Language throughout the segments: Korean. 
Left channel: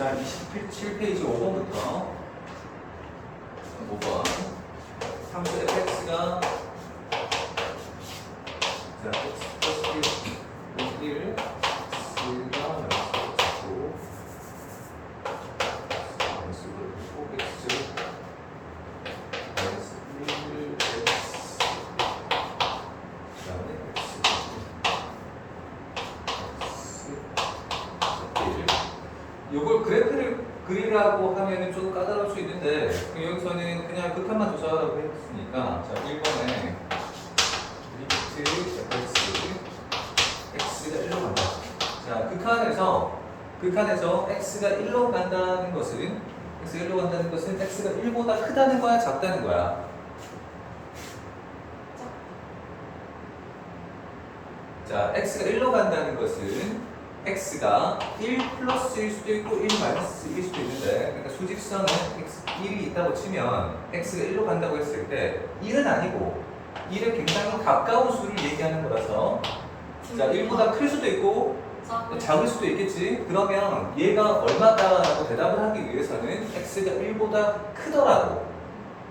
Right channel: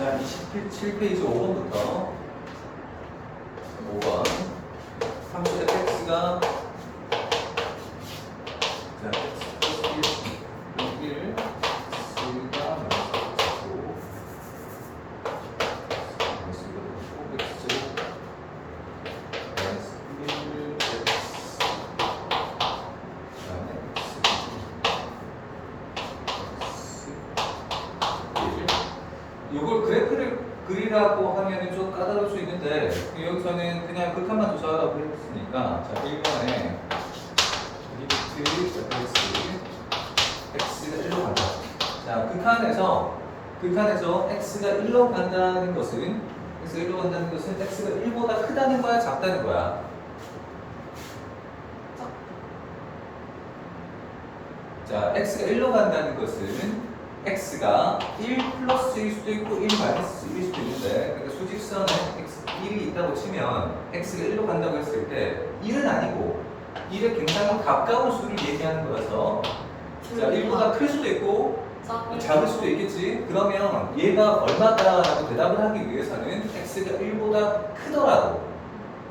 자, 27페이지 5번부터 5번 함수 fx가 자, x 플러스 1, x가 마이너스 9 x 마이너스 1, x 그다음에 x 요걸 그래프를 그리라고 하면은 좀 까다로울 수 있는데 여기서는 그냥 극한만 조사하라고 했으니까 자 1번에 리미트 x가 1로 간다. 자 극한에서 x가 1로 간다는 것은 x가 1보다 크다는 거야 작다는 거야? 자 x가 1로 간다는 것은 x가 1 플러스일 수도 있고 1 마이너스일 수도 있는데 그러니까 수직선에 x 1이 있다고 치면 x가 1로 간다고 했을 때 1은 아니고 1에 굉장히 가까운 수를 얘기하는 거라서 자 1보다 클 수도 있고 작을 수도 있겠지. 그러면 얘가 얼마다라고 대답을 하기 위해서는 x가 1보다 크더라도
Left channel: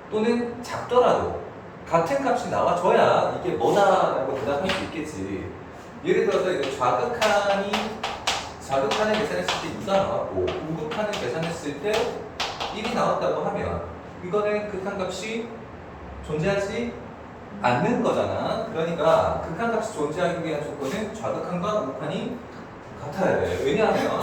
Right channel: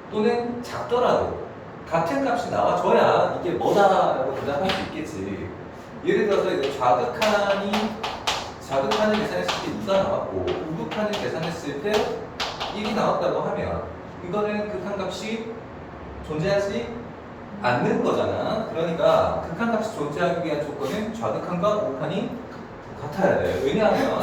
또는 작더라도 같은 값이 나와줘야 이게 뭐다라고 대답할 수 있겠지. 예를 들어서 이제 좌극한을 계산했을 때 2가 나왔고 우극한을 계산했을 때 1이 나왔다고 하면 이거는 극한값이 존재하지 않는 거잖아. 그러니까 극한값이 존재하기 위한 조건은 좌극한과 우극한이 같아야 돼. 왜냐하면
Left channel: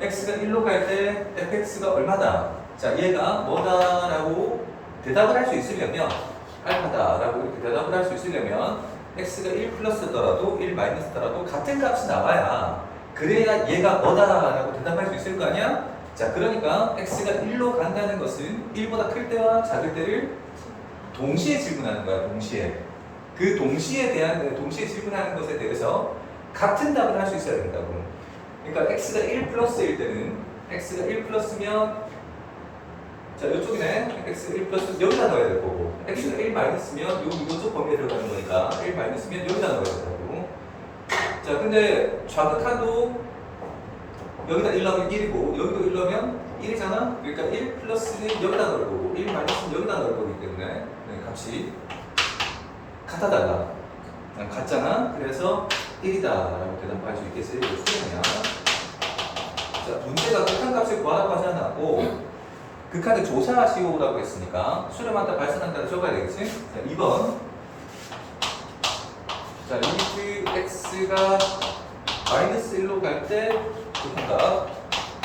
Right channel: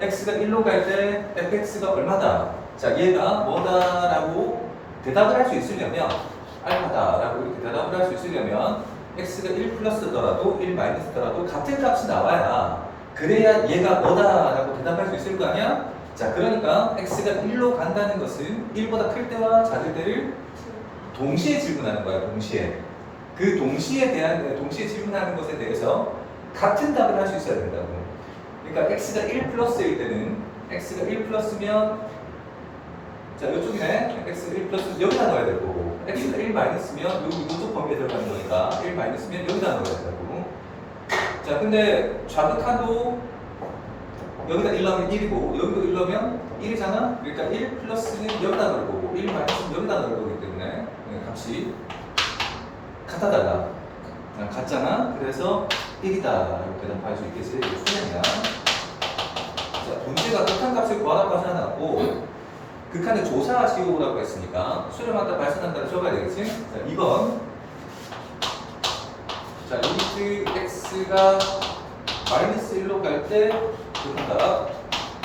x가 1로 갈 때 fx가 얼마다? 자 얘가 뭐다라고 대답을 할 수 있으려면 알파다라고 이렇게 대답을 할 수 있으려면 x가 1 플러스더라도 1 마이너스더라도 같은 값이 나와야 그래야 얘가 뭐다라고 대답할 수 있을 거 아니야? 자 그러니까 x가 1로 간다는 것은 1보다 클 때와 작을 때를 동시에 질문하는 거야. 동시에 그 동시에 질문하는 것에 대해서 같은 답을 할 수 있어야 된다고. 그러니까 x가 1 플러스일 때는 x가 1 플러스면 자 이쪽이네. x가 1 플러스 여기다 넣어야 될 거고 x가 1 마이너스면 이쪽 범위에 들어가는 거니까 1 마이너스면 여기다 넣어야 된다고. 자 근데 좌극한도 여기다 1 넣으면 1이고 여기도 1 넣으면 1이잖아. 그러니까 1 플러스는 여기다 넣을 거고 1 마이너스는 여기다 넣을 거기 때문에 값이 같아달라. 같잖아. 그래서 1이다 라고 대답할 수 있겠지. 수렴이야. 자 문제가 극한값을 구하라고 하지 않았고 극한을 조사하시오라고 했으니까 수렴한다 발생한다를 적어야 되겠지? 자 2번 자 리미트 x가 마이너스 1로 갈 때 극한값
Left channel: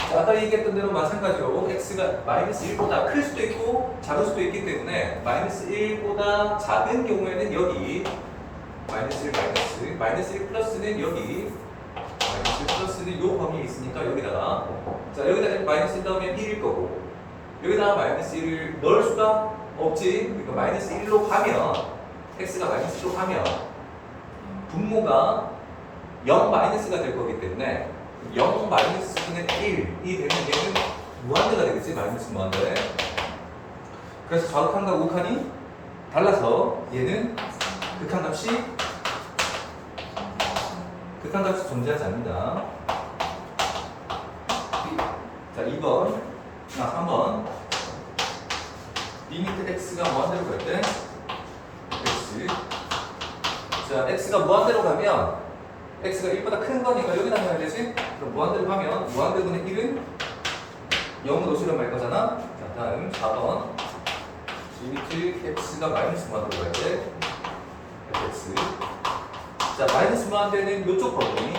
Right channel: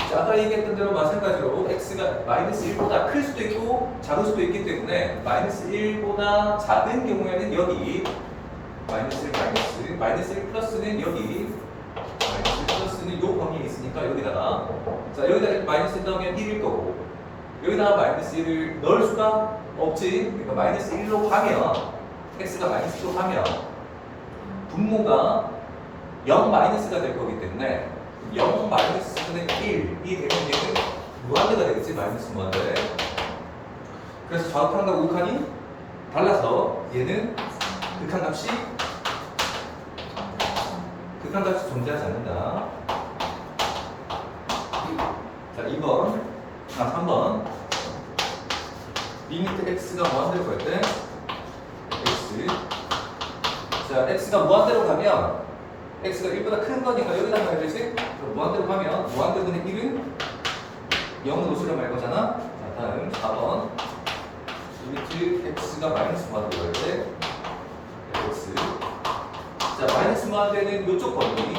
자 아까 얘기했던 대로 마찬가지로 x가 마이너스 1보다 클 수도 있고 작을 수도 있기 때문에 마이너스 1보다 작은 경우에는 여기 마이너스 1 마이너스 1 플러스는 여기 마이너스 1 플러스는 요 범위에 있으니까 여기다가 자 여기다 마이너스 1 넣으면 1일 거고 여기다가 마이너스 1을 넣을 수가 없지. 그러니까 마이너스 1로 가면 x가 마이너스 1로 가면 분모가 0 마이너스가 될 거기 때문에 0 마이너스는 1이 되면 얘는 무한대가 되겠지. 마이너스 무한대. 그래서 좌극한과 우극한이 달라서 얘는 극한값이 존재하지 않는다. 자 2번 3번 리미트 x가 무한대로 갈 때 x 자 x가 무한대로 가면 x가 1보다 큰 거니까 여기다 넣어야 되지? 그럼 무한대로 가면 무한대분의 1은 0으로 수렴할 거잖아. 자 다음 4번 리미트 x가 마이너스 무한대로 갈 때 x 자 마이너스 무한대는 이쪽 범위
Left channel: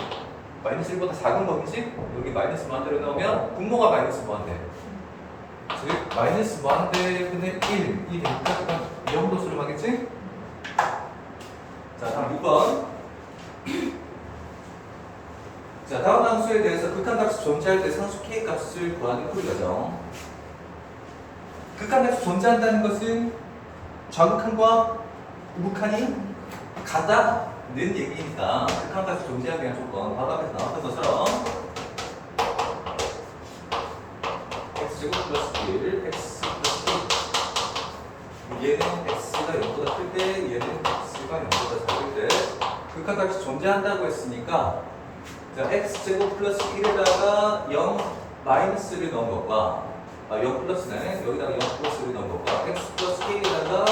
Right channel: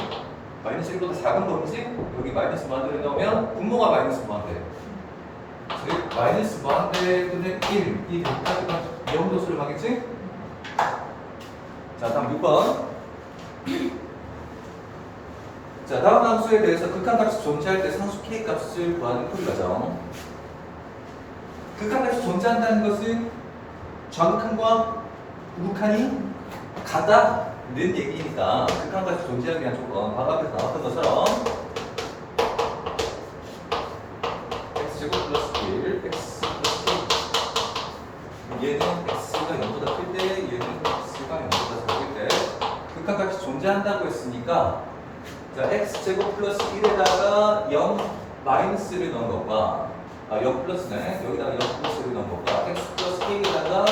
마이너스 1보다 작은 범위지? 여기 마이너스 무한대를 넣으면 분모가 마이너스 무한대 즉 마이너스 무한대는 1이 되니까 0으로 수렴하겠지? 자 다음 6번 자 다음 함수에 대해서 극한값이 존재할 때 상수 k 값을 구하는 풀이 과정. 극한값이 존재한다는 것은 좌극한과 우극한이 같다는 얘기니까 극한값이 존재하기 위한 조건 바로 앞에서 나왔던 것처럼 x제곱 플러스 1 x 플러스 1 얘는 x가 0보다 클 때 얘는 x가 0보다 작을 때 극한값이 존재한다고 했으니까 자 x제곱 플러스 1에다가 0 마이너스를 넣은 것과 0 플러스네. 여기다가 0 플러스를 넣은 것과 x 플러스 k에다가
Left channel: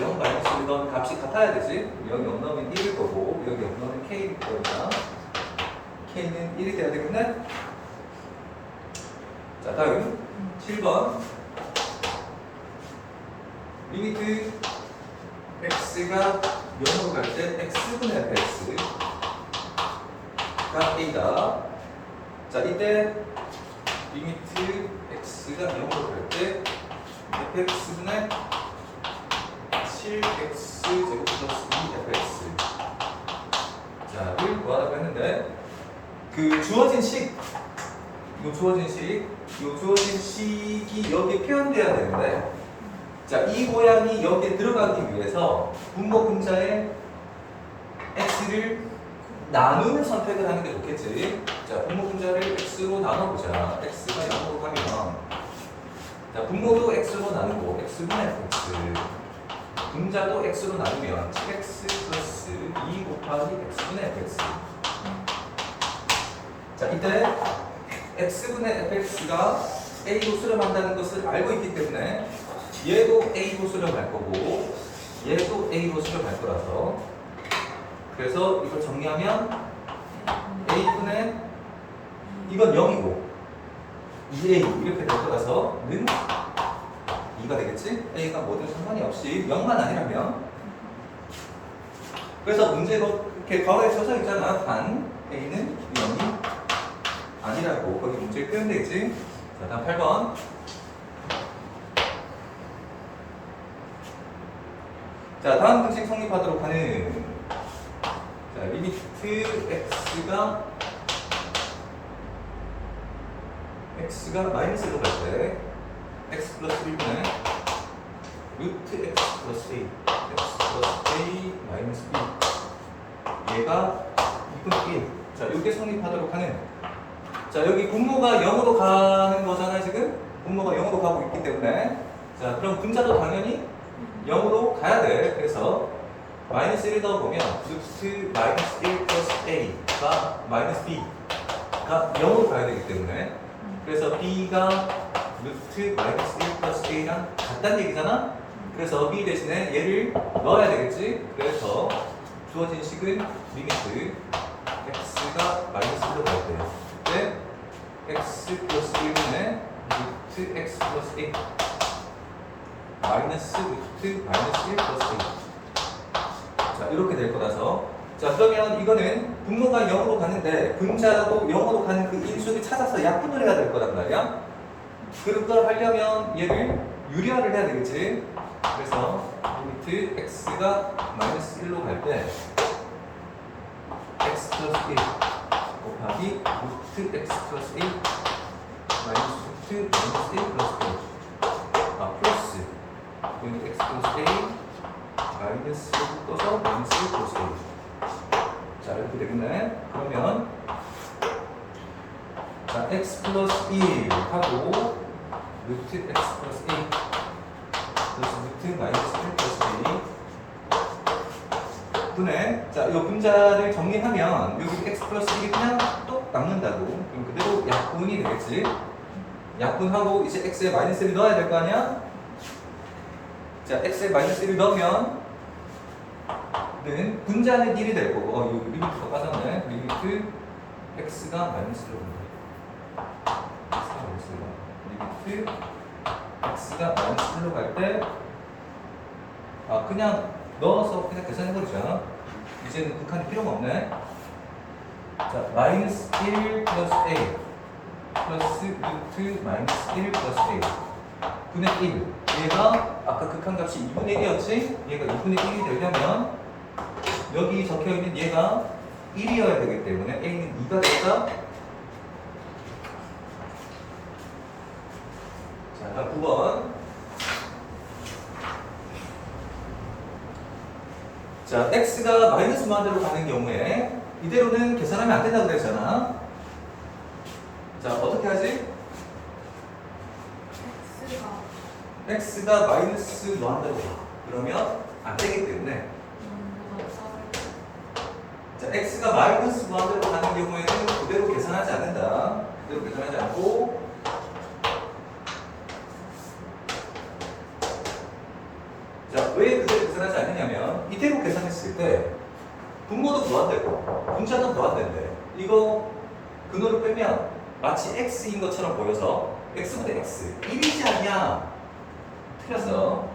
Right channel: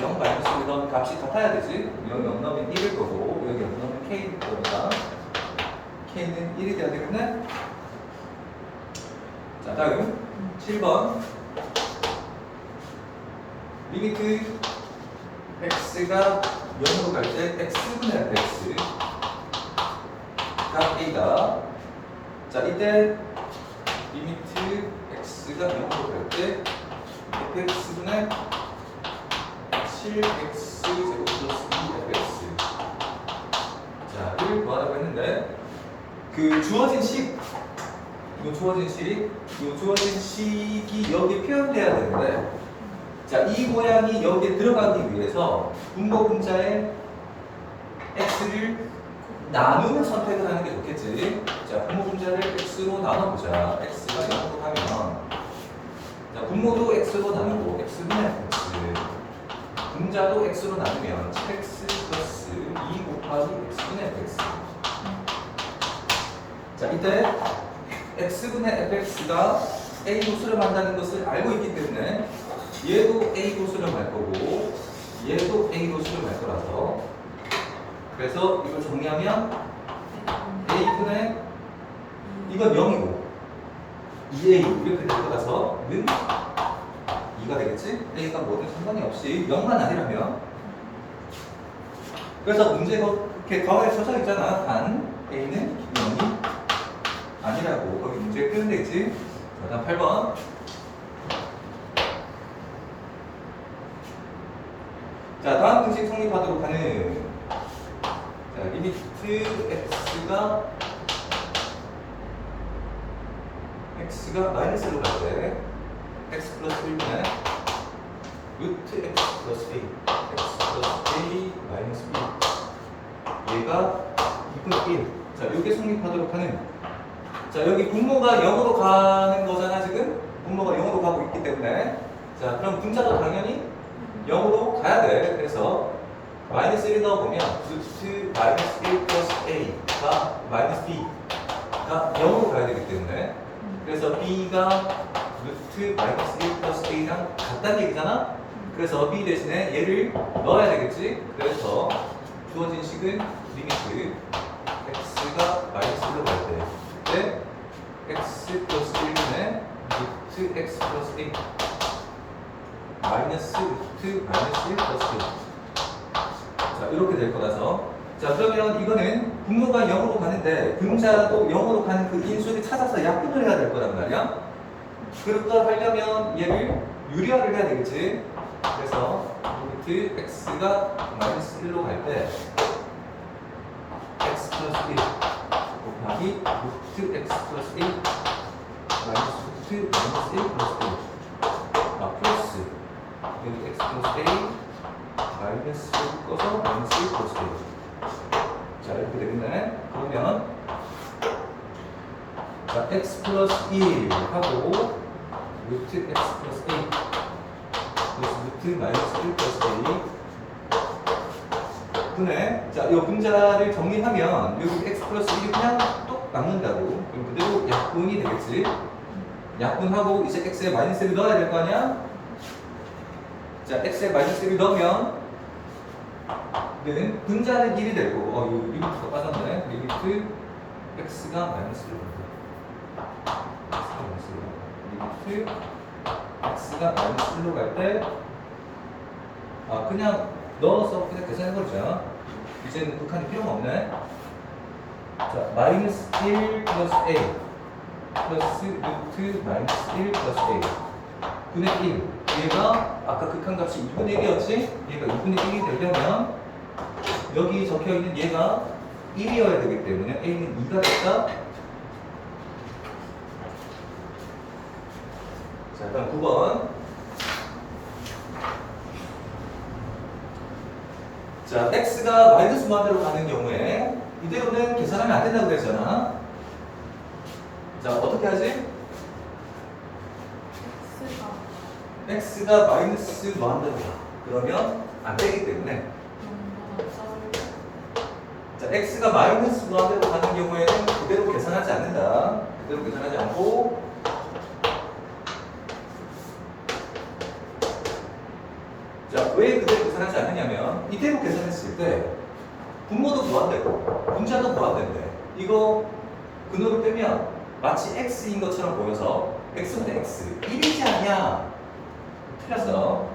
0 마이너스를 넣은 값이 같아야 되지. 여기 0 넣으면 1일 거고 여기 0 넣으면 k일 거니까 k는 1이 돼야 되겠네. 자, 다음 7번 리미트 x가 0으로 갈 때 x분의 fx가 a다. 자, 이때 리미트 x가 0으로 갈 때 fx분의 7x 제곱 플러스 2fx 자를 구하라고 했는데 그 주어진 식 이 주어진 식이 여기에 표현돼야 되는데 자, 이 모양이 여기에 들어가기 위해서 분모 분자에 x를 나누는 선택을 하는 게 좋겠지. 자, 분모 분자를 x로 나눠보자. x가 0으로 가면 자, 분모도 x로 나누고 x분의 x 분자도 x로 나누면 7x 플러스 2 곱하기 x분의 fx 자, 이때 x분의 fx가 a로 수렴한다는 것을 알고 있기 때문에 얘도 a로 수렴할 거고 얘도 a로 수렴할 거라서 그래서 이걸 정리하면 a분의 이건 0이고 2a 이렇게 될 거라서 는 2가 되겠지? a가 뭐든 상관이 없이 0만 아니라면 그래서 문제가 이렇게 가로에 써져 있잖아. 단 a는 0이 아니라고 거기 문제에 표현되어 있지. 자, 다음 8번 자, 다음 등식 성립하도록 하는 자, 리미트 x가 마이너스로 갈 때 x 플러스 1분의 루트 x 플러스 a x 플러스 a 마이너스 b 얘가 2분의 1 자, 이게 성립하도록 하는 자, 여기 분모가 0으로 가는 거잖아. 지금 분모가 0으로 가고 있기 때문에 자, 그럼 분자도 당연히 0으로 가야 돼. 그래서 마이너스 1 넣어보면 루트 마이너스 1 플러스 a가 마이너스 b가 0으로 가야 되기 때문에 그래서 b가 루트 마이너스 1 플러스 a랑 같다는 얘기잖아. 그래서 b 대신에 얘를 넣어야 되겠지. 그래서 주어진 식은 리미트 x가 마이너스 1로 갈 때요. 때 x 플러스 1분의 루트 x 플러스 1 마이너스 루트 마이너스 1 플러스 1 자, 이렇게 될 거라서 자, 그러면 이거는 분모가 0으로 가는데 분자도 0으로 가는 그 인수를 찾아서 약분을 해야 될 거란 말이야. 그렇게 하려면 얘를 유리화를 해야 되겠지. 그래서 루트 x가 마이너스 1로 갈 때 x 플러스 1 곱하기 루트 x 플러스 1 마이너스 루트 마이너스 1 플러스 1 플러스 여기 x 플러스 1 마이너스 1 묶어서 마이너스 1 플러스 1 자, 이렇게 되겠네. 그러면 자, x 플러스 1 하고 루트 x 플러스 1 플러스 루트 마이너스 1 플러스 1 분의 자, 이 분자를 정리하면 여기 x 플러스 1이 그냥 뚝 남는다고. 그럼 그대로 약분이 되겠지. 약분하고 이제 x에 마이너스를 넣어야 될 거 아니야? 자, x에 마이너스를 넣으면 는 분자는 1이 될 거고 여기 리미트가 빠졌네. 리미트 x가 마이너스로 리미트 x가 마이너스 1로 갈 때 그냥 넣어서 그냥 계산해버리자. 이제는 극한이 필요가 없네. 자, 마이너스 1 플러스 a 플러스 루트 마이너스 1 플러스 a 분의 1 얘가 아까 극한값이 2분의 1이었지? 얘가 2분의 1이 되려면 여기 적혀있는 얘가 1이어야 되기 때문에 a는 2가 됐다. 자, 다음 9번 자, x가 마이너스 무한대로 가는 경우에 이대로는 계산하면 안 된다고 그랬잖아. 자, 어떻게 하지? x가 마이너스 무한대로 가. 그러면 안 되기 때문에 자, x가 마이너스 무한대로 가는 경우에는 그대로 계산하지 않는다. 그대로 계산하지 않고 왜 그대로 계산하지 않느냐면 이대로 계산했을 때 분모도 무한대고 분자도 무한대인데 이거 근호를 빼면 마치 x인 것처럼 보여서 x분의 x 1이지 않냐? 틀렸어.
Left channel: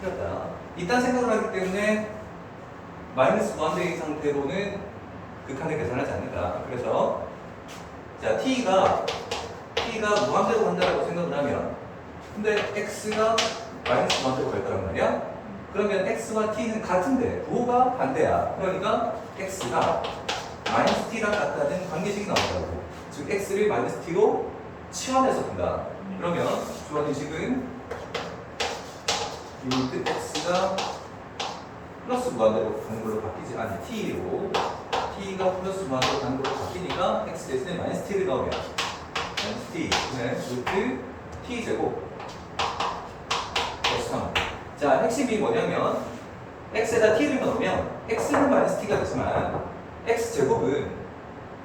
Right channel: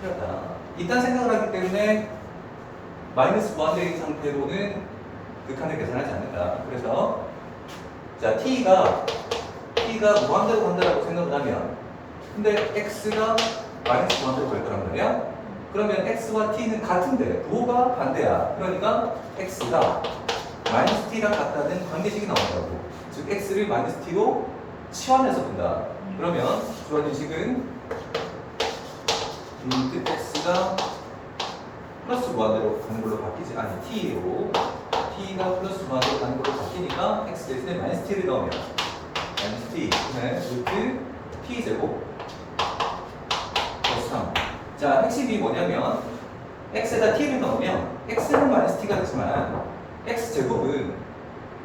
틀렸다. 이딴 생각을 하기 때문에 마이너스 무한대인 상태로는 극한을 계산하지 않는다. 그래서 자 t가 무한대로 간다고 생각을 하면 근데 x가 마이너스 무한대로 갈 거란 말이야. 그러면 x와 t는 같은데 부호가 반대야. 그러니까 x가 마이너스 t랑 같다는 관계식이 나온다고. 즉 x를 마이너스 t로 치환해서 본다. 그러면 주어진 식은 리미트 x가 플러스 무한대로 가는 걸로 바뀌지 아니 t로 t가 플러스 무한대로 가는 걸로 바뀌니까 x 대신에 마이너스 t를 넣으면 마이너스 t 그다음에 루트 t 제곱 플러스 3. 자 핵심이 뭐냐면 x에다 t를 넣으면 x는 마이너스 t가 되지만 x 제곱은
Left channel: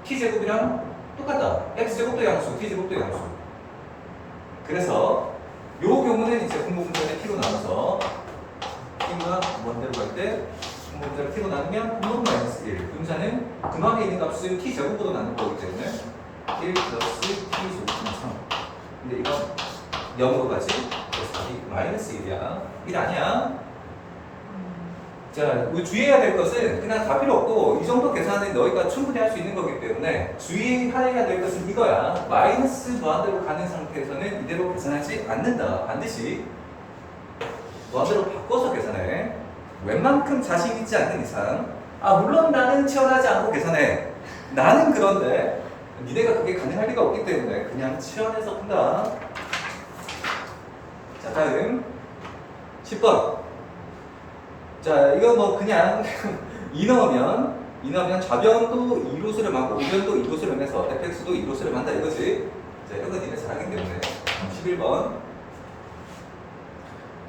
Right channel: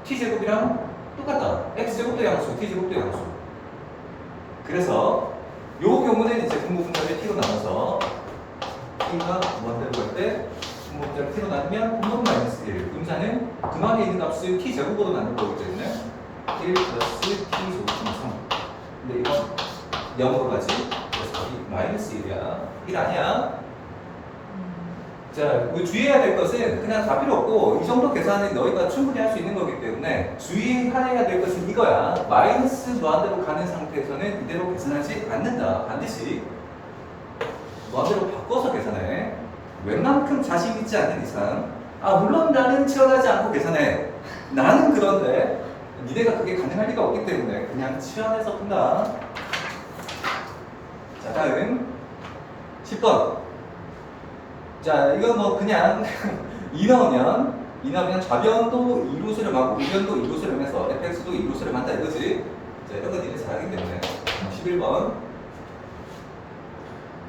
t 제곱이랑 똑같다. x 제곱도 양수, t 제곱도 양수. 그래서 요 경우는 이제 분모분자를 t로 나눠서 t가 무한대로 갈 때 분모분자를 t로 나누면 분모는 마이너스 1, 분자는 근원에 있는 값을 t 제곱으로 나눌 거기 때문에 1 플러스 t 제곱 3. 근데 이건 0으로 가지. 그래서 여기 마이너스 1이야. 1 아니야. 자, 우리 주의해야 될 것은 그냥 다 필요 없고 이 정도 계산은 너희가 충분히 할 수 있는 거기 때문에 주의해야 될 것은 이거야. 마이너스 무한대로 가는 상태에서는 이대로 계산하지 않는다. 반드시 무한대로 바꿔서 계산해. 웬만큼 자신 있지 않는 이상 물론 나는 치환하지 않고 계산해. 나는 그런데 니네가 그게 가능할 리가 없기 때문에 그냥 치환해서 푼다. 자, 다음 10번. 자, 이거 뭐 그냥 2 넣으면 좌변도 2로 수렴하고 우변도 2로 수렴해서 fx도 2로 수렴한다 이거지. 자, 이런 거 니네 잘하기 때문에 11번.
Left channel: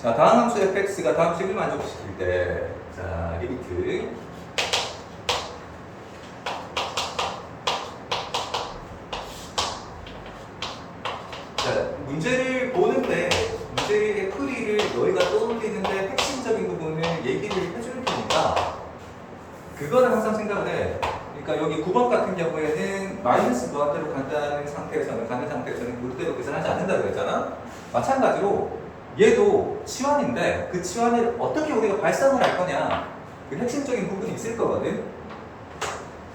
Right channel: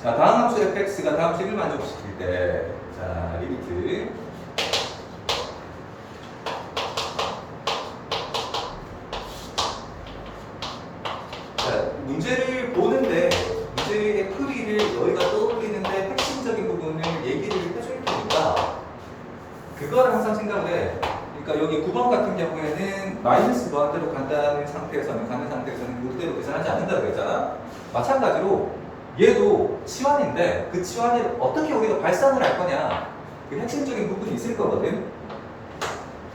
자, 다음 함수 fx가 다음 식을 만족시킬 때, 자, 리미트. 자, 문제를 보는데 문제의 풀이를 너희가 떠올리는데 핵심적인 부분을 얘기를 해줄 테니까 그거를 항상 생각을 해. 그러니까 여기 9번 같은 경우에는 마이너스 무한대로 가는 상태에서는 이대로 계산하지 않는다고 했잖아. 마찬가지로 얘도 치환인데 그 치환을 어떻게 우리가 발산을 할 거냐 그 핵심적인 부분이 있을 거거든.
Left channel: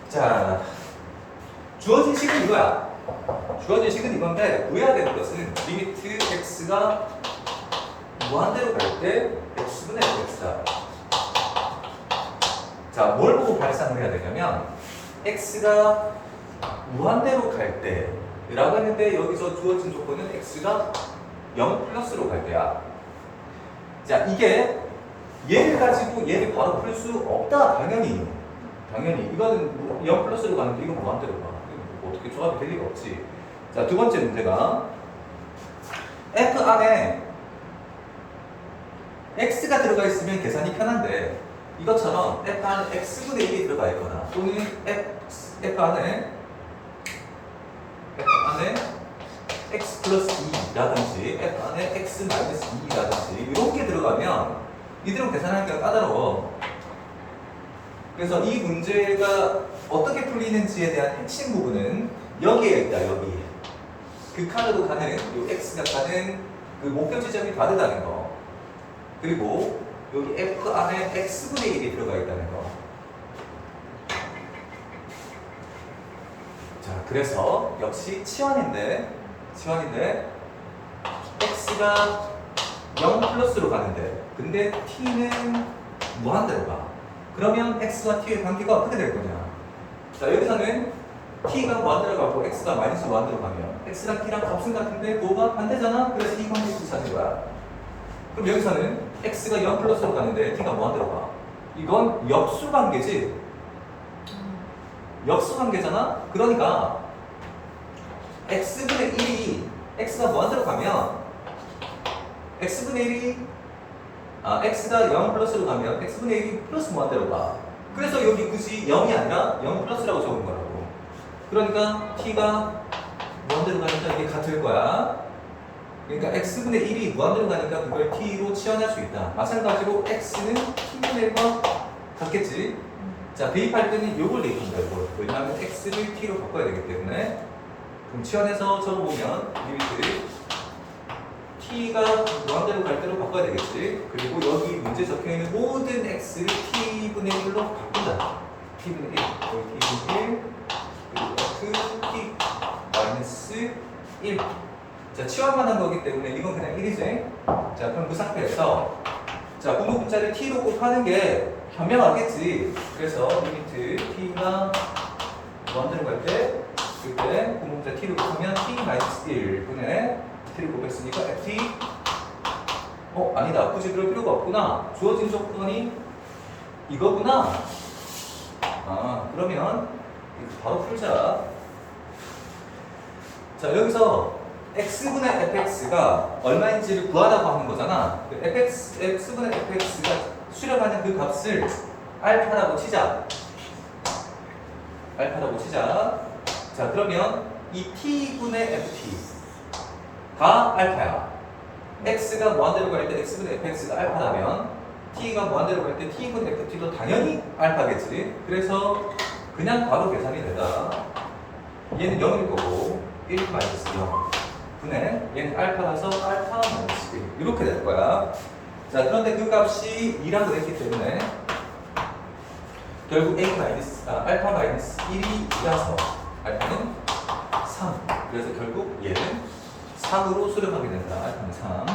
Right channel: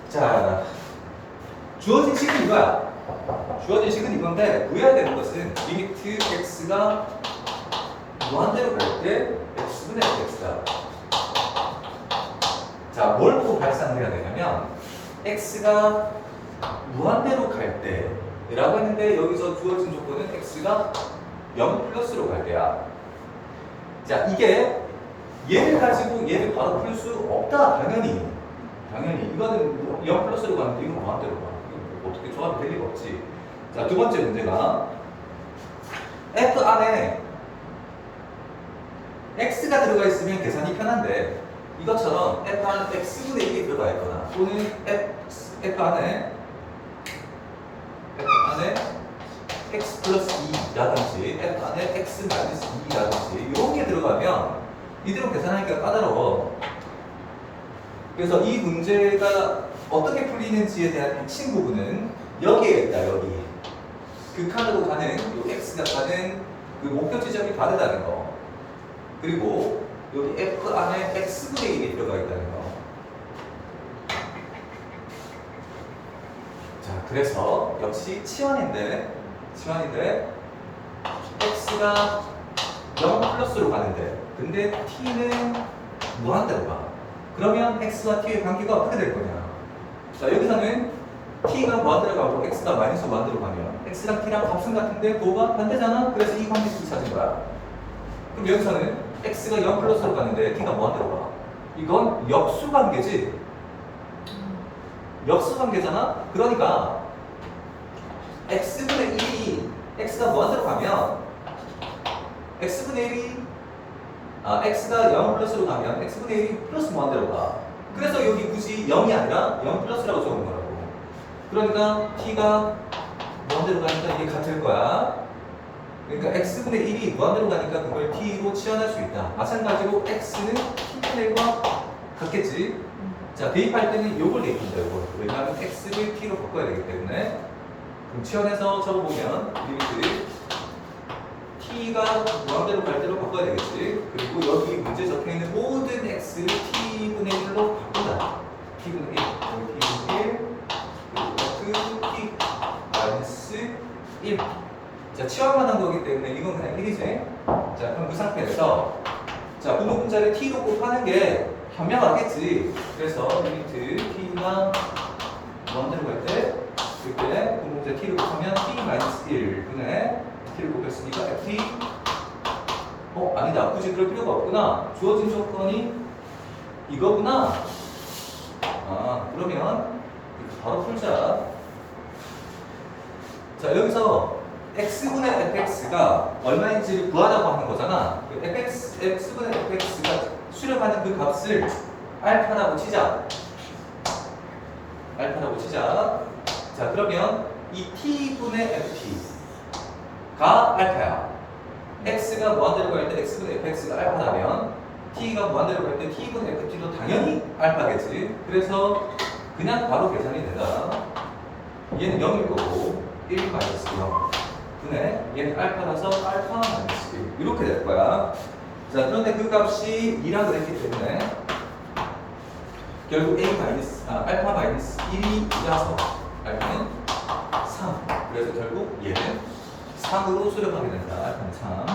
자, 주어진 식은 이거야. 주어진 식은 이건데 구해야 되는 것은 리미트 x가 무한대로 갈 때 x분의 x다. 자, 뭘 보고 발산을 해야 되냐면 x가 무한대로 갈 때라고 했는데 여기서 주어진 조건은 x가 0 플러스로 갈 때야. 자, 이게 얘를 가지고 얘를 바로 풀 수 없다. 당연히 이거는 0 플러스로 가는데 이건 무한대로 가. 어떻게 조합이 될 리가 없지. 자, 두 번째 문제가 f 안에 x가 들어가 있으면 계산이 편한데 이것처럼 f 안에 x분의 1이 들어가 있거나 또는 f 안에 x 플러스 2라든지 f 안에 x 마이너스 2라든지 이런 게 들어가면 이대로 계산하기가 까다로워. 그래서 이 문제가 어떻게 풀리는지에 대한 핵심 부분은 여기에 있다. 여기에 극한으로 가는 요 x가 가는 그 목표 지점이 다르다는 거. 그리고 여기 f 안에 x분의 1이 들어가 있다는 거. 자, 그래서 역시 치환인데 x가 0 플러스로 가는데 근데 t는 무한대로 가. 그러면 x와 t의 관계가 어떻게 될 거냐? 자, 여기서는 t가 무한대로 가고 x가 마이너스 무한대로 가면 x랑 t랑 값은 같은데 도가 반대잖아. 그래서 이 관계식이 찾은 거야. 그럼 여기서는 x가 0 플러스로 가는데 t가 무한대로 가. 이건 역수 관계지. 역수 관계잖아. 그러니까 x분의 1이 x가 무한대로 가면 x분의 1이 x가 0 플러스로 가면 x분의 1이 플러스 무한대로 가. 그래서 여기 굳이 0이 아니라 0 플러스라고 적은 거라고. 그러니까 t가 무한대로 가니까 이게 같을 거야. 그러니까 x분의 1이 무한대로 가니까 그걸 t로 치환할 수 있다. 마찬가지로 x는 t분의 1과 같겠지. 자, 대입할 때는 요걸 대입한다, 요걸. 왜냐하면 x를 t로 바꿔야 되기 때문에. 그럼 치환해서 적어보면 리미트를 t가 무한대로 갈 대로 바꿔야 되겠지. 그리고 여기 문제 적혀있는 모든 x를 t분의 1로 바꾼다. t분의 1, 여기 t분의 1, 그리고 f t 마이너스 1. 자, 치환만 한 거기 때문에 이건 그냥 1이지. 자, 그럼 그 상태에서 자, 부호 분자를 t로 곱하는 게 현명하겠지. 그래서 리미트 t가 무한대로 갈 때 그때 부호 분자 t로 곱하면 t 마이너스 1분의 t를 곱했으니까 ft 아니다. 굳이 그럴 필요가 없구나. 주어진 조건이 이거구나. 그러면 바로 풀자. 자, 여기서 x분의 fx가 얼마인지를 구하라고 하는 거잖아. x분의 fx가 수렴하는 그 값을 알파라고 치자. 알파라고 치자. 자, 그러면 이 t분의 ft가 알파야. x가 무한대로 갈 때 x분의 fx가 알파라면 t가 무한대로 갈 때 t분의 ft도 당연히 알파겠지. 그래서 그냥 바로 계산이 된다. 얘는 0일 거고 1 마이너스 0 분의 얘는 알파라서 알파 마이너스 1 이렇게 될 거야. 자, 그런데 그 값이 2라고 했기 때문에 결국 알파 마이너스 1이라서 알파는 3. 그래서 결국 얘는 3으로 수렴하게 된다. 알파는 3.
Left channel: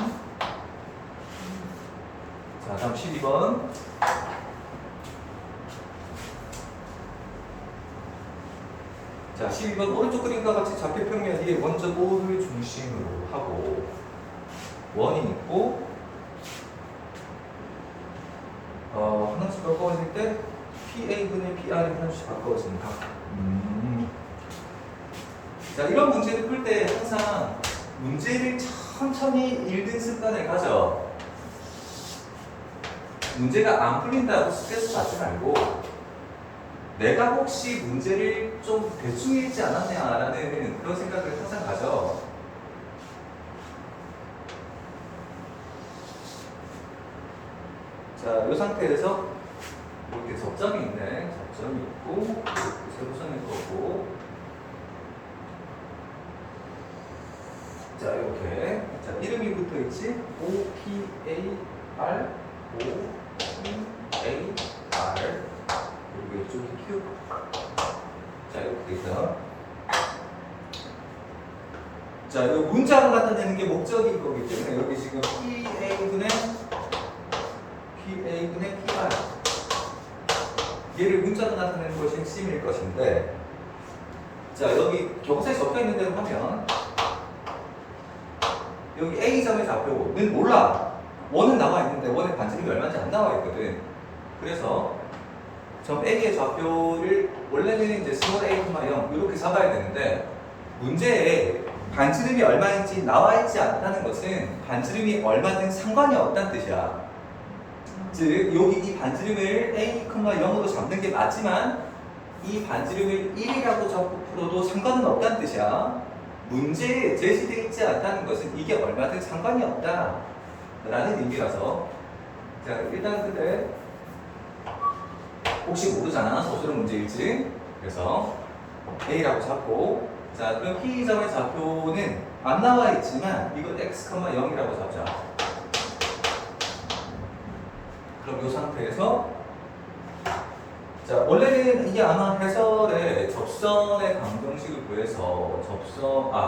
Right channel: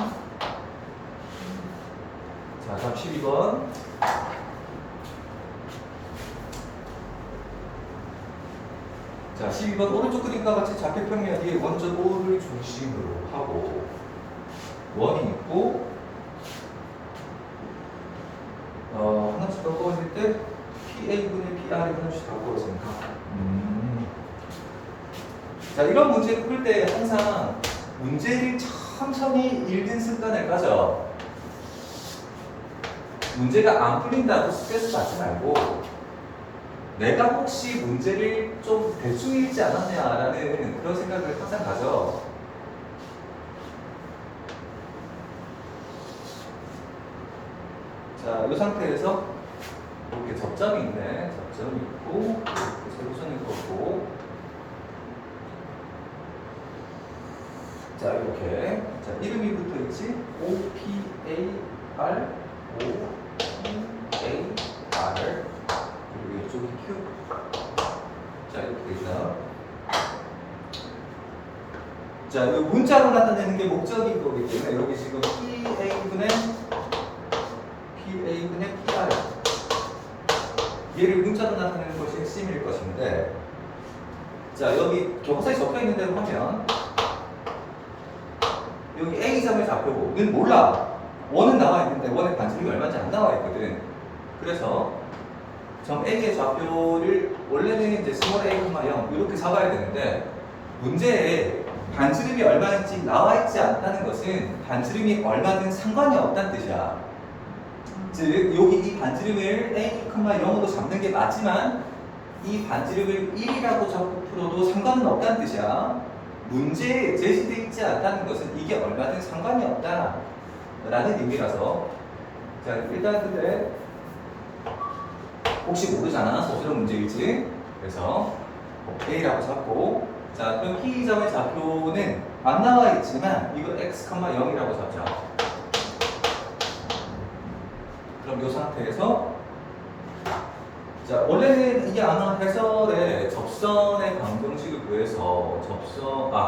자, 다음 12번. 자, 12번 오른쪽 그림과 같이 좌표평면 위에 원점 O를 중심으로 하고 원이 있고 하나씩 바꿔봤을 때 PA분의 PR이 하나씩 바꿔봤습니다. 자, 이런 문제를 풀 때 항상 문제를 천천히 읽는 습관을 가져. 문제가 안 풀린다고 스트레스 받지 말고 내가 혹시 문제를 좀 대충 읽지 않았냐라는 그런 생각을 항상 가져. 자, 이 상태에서 이렇게 접점이 있네. 접점이 있고 이렇게 세로선을 그었고 자, 이렇게 자, 이름이 붙어 있지. O P A R O P A R 그리고 이쪽이 Q. 자, 이렇게 돼서 자, 이 문자로 나타내는 게 목적인 거기 때문에 여기 지금 PA분의 PR 얘를 문자로 나타내는 것이 핵심일 것인데 자, 여기 교과서에 적혀 있는 대로 하면 여기 A점의 좌표는 몰라. 원은 나와 있는데 원의 반지름이 얼마인지 안 나와 있거든. 그래서 점 A의 좌표를 원래는 이제 스몰 a, 0 이렇게 잡아야 되는데 문제에 반지름이 얼마인지 나와 있지 않다는 것은 반지름이 얼마든 상관이 없다는 뜻이야. 즉 여기 이 반지름을 a, 0으로 잡는 게 맞지만 이 반지름을 1이라고 적고 풀어도 상관은 없다는 뜻이야. 문제에 제시되어 있지 않다는 것은 이게 얼마든 상관이 없다 라는 의미라서 자, 일단 근데 혹시 모르잖아. 서술형 문제일지. 그래서 A라고 잡고 자, 그럼 P점의 좌표는 안 나와 있지만 이거 x, 0이라고 잡자. 그럼 이 상태에서 자, 원래는 이게 아마 해설에 접선의 방정식을 구해서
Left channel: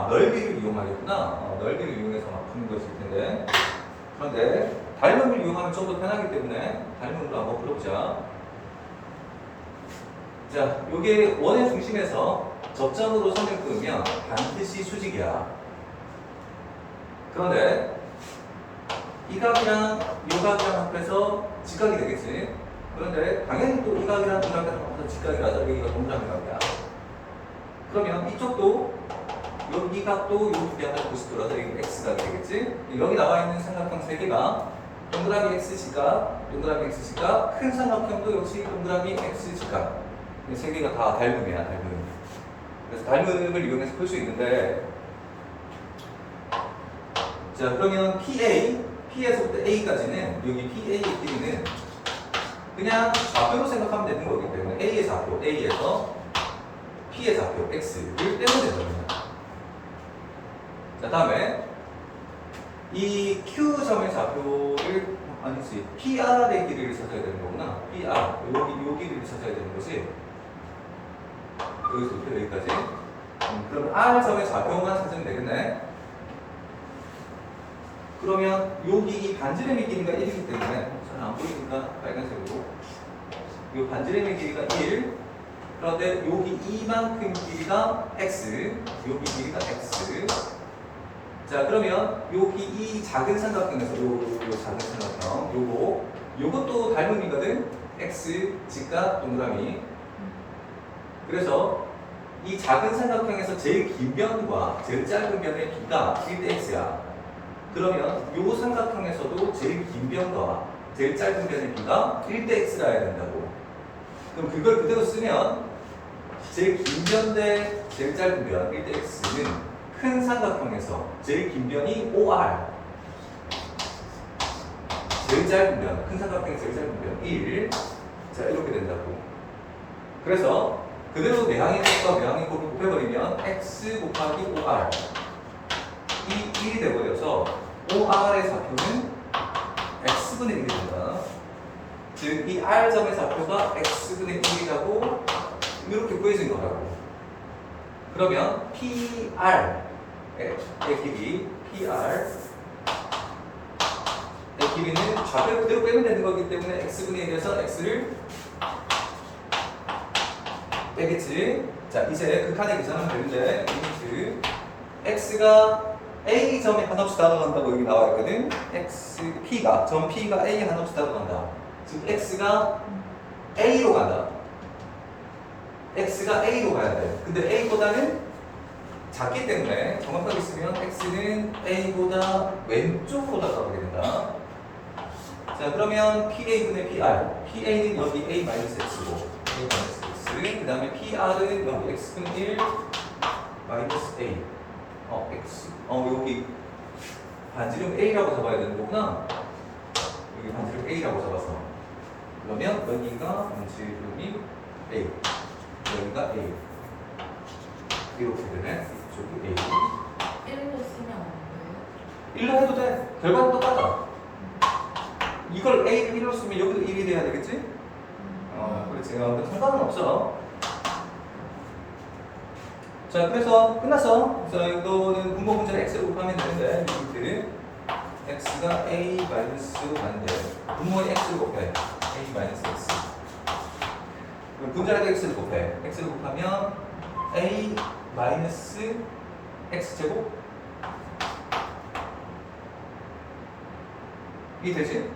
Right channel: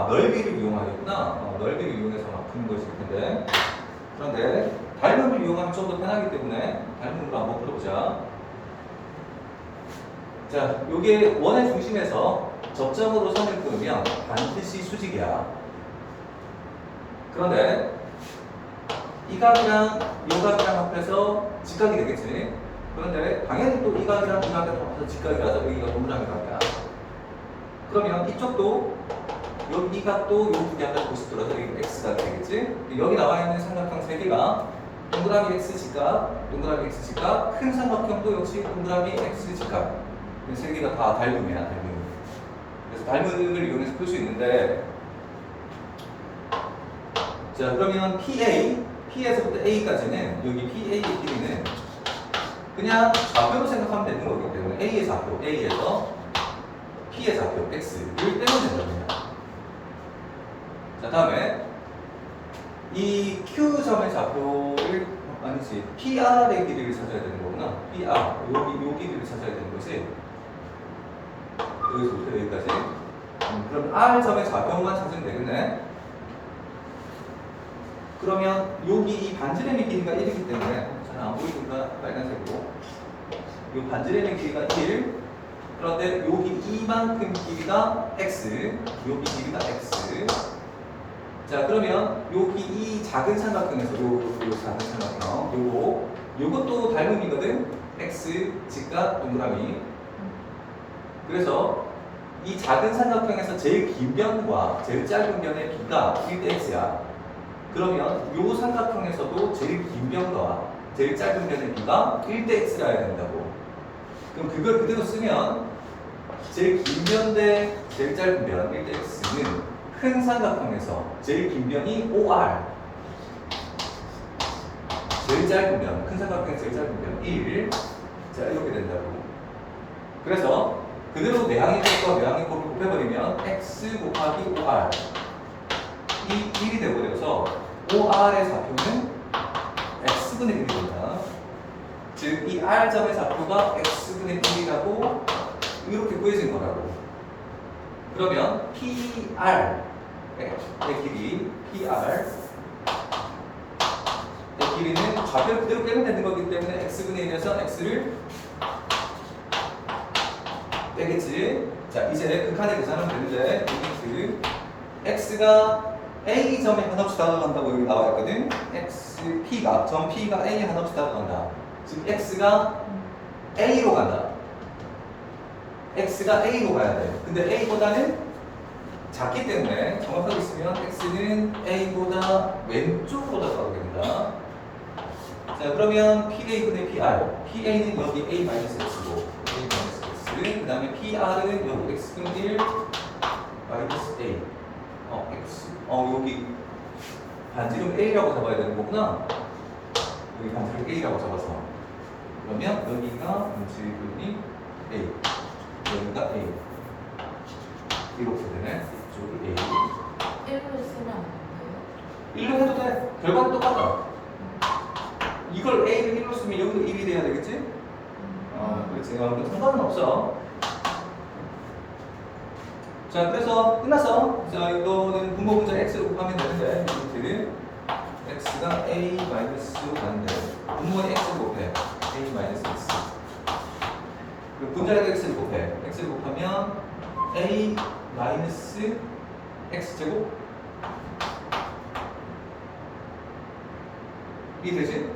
넓이를 이용하겠구나. 넓이를 이용해서 막 푸는 것일 텐데 그런데 닮음을 이용하면 좀 더 편하기 때문에 닮음으로 한번 풀어보자. 자, 요게 원의 중심에서 접점으로 선을 끊으면 반드시 수직이야. 그런데 이 각이랑 이 각이랑 합해서 직각이 되겠지. 그런데 당연히 또 이 각이랑 이 각이랑 합해서 직각이라서 여기가 동그라미각이야. 그러면 이쪽도 여기 이 각도 요 두 개 합해서 90 돌아서 여기 x각이 되겠지. 여기 나와 있는 삼각형 세 개가 동그라미 x 직각, 동그라미 x 직각, 큰 삼각형도 역시 동그라미 x 직각. 이 세 개가 다 닮음이야, 닮음. 그래서 닮음을 이용해서 풀 수 있는데 자, 그러면 P에서부터 A까지는 여기 PA의 길이는 그냥 좌표로 생각하면 되는 거기 때문에 A의 좌표, A에서 P의 좌표, X를 떼면 된답니다. 자, 다음에 이 Q점의 좌표를 아니지 PR의 길이를 찾아야 되는 거구나. PR 요 길이를 찾아야 되는 거지. 여기서부터 여기까지. 그럼 R점의 좌표만 찾으면 되겠네. 그러면 여기 이 반지름의 길이가 1이기 때문에 잘 안 보이니까 빨간색으로 이 반지름의 길이가 1. 그런데 여기 이만큼 길이가 x, 여기 길이가 x. 자, 그러면 여기 이 작은 삼각형에서 요 작은 삼각형 요것도 닮음이거든. x 직각 동그라미. 그래서 이 작은 삼각형에서 제일 긴 변과 제일 짧은 변의 b가 1대 x야. 그러면 요 삼각형에서도 제일 긴 변과 제일 짧은 변의 b가 1대 x라 해야 된다고. 그럼 그걸 그대로 쓰면 제일 긴 변 대 제일 짧은 변 1대 x는 큰 삼각형에서 제일 긴 변이 OR, 제일 짧은 변, 큰 삼각형에서 제일 짧은 변 1. 자, 이렇게 된다고. 그래서 그대로 내항의 곱과 내항의 곱을 곱해버리면 x 곱하기 OR 이 1이 돼버려서 OR의 좌표는 x분의 1이 된다. 즉, 이 R점의 좌표가 x분의 1이라고 이렇게 구해진 거라고. 그러면 PR의 길이, PR의 길이는 좌표를 그대로 빼면 되는 거기 때문에 x분의 1에서 x를 빼겠지. 자, 이제 극한의 계산하면 되는데 리미트 x가 A점에 한없이 다가간다고 여기 나와 있거든. 점 P가 A 한없이 다가간다. 즉 x가 A로 간다. x가 A로 가야 돼. 근데 A보다는 작기 때문에 정확하게 쓰면 x는 A보다 왼쪽보다 가게 된다. 자, 그러면 PA분의 PR, PA는 여기 A-X고 A-X, 그 다음에 PR은 여기 X분의 1 마이너스 A, X, 여기 반지름 A라고 잡아야 되는 거구나. 여기 반지름 A라고 잡아서 그러면 여기가 반지름이 A, 여기가 A 이렇게 되네. 저기 A 1로 쓰면 안 돼요? 1로 해도 돼. 결과는 똑같아. 이걸 A를 1로 쓰면 여기도 1이 돼야 되겠지? 그렇지. 그럼 상관은 없어. 자, 그래서 끝났어. 자, 이거는 분모 분자를 x로 곱하면 되는데 리미트 x가 a-x로 가는데 분모에 x를 곱해. a-x. 그리고 분자에도 x를 곱해. x를 곱하면 a-x 제곱 이 되지?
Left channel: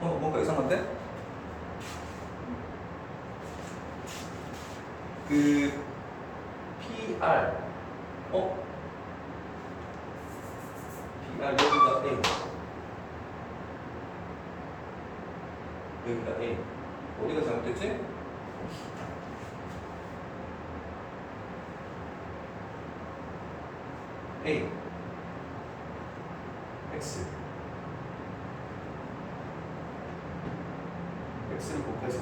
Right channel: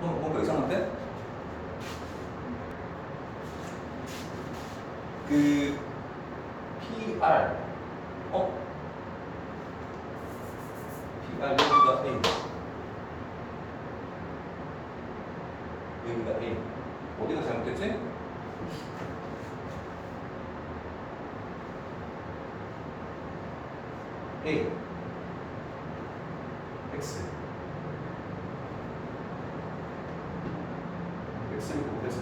뭔가 이상한데? 그 PR PR 여기가 A, 여기가 A. 어디가 잘못됐지? A X X를 곱해서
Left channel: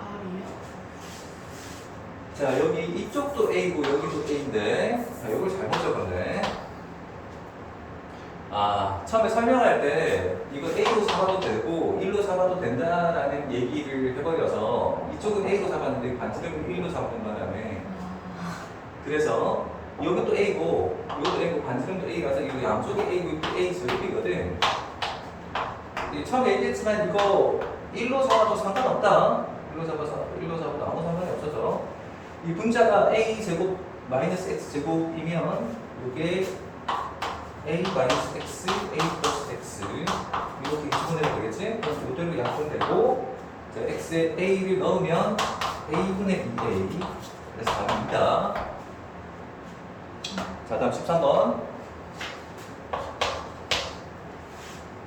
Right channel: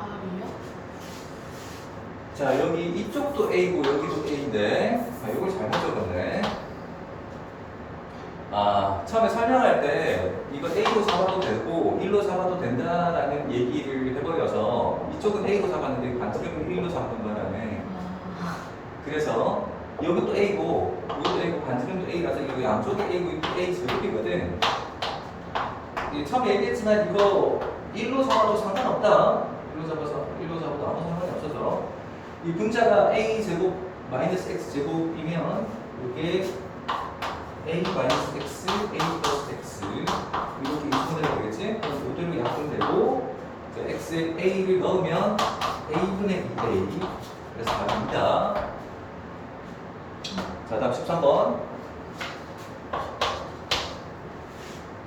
R이요? 자, 여기 이쪽도 A고 여기도 A인데 이걸 잘못 적었네. 처음에 설명할 때 이거 A로 잡아도 되고 1로 잡아도 된다라는 얘기를 해버려서 이쪽은 A로 잡았는데 반지름은 1로 잡는 바람에 그래서 여기도 A고 여기도 A고 반지름도 A라서 여기 양쪽이 A고 이것도 A 제곱이거든. 처음에 얘기했지만 이거 1로 잡아도 상관없다. 1로 잡아도 아무 상관이 없어서 이 분자가 A 제곱 마이너스 X 제곱이면 이게 A 마이너스 X, A 플러스 X 이렇게 이분해야 되겠지? 그럼 이대로 약분되고 X에 A를 넣으면 A분의 2A 그래서 답입니다. 자, 다음 13번.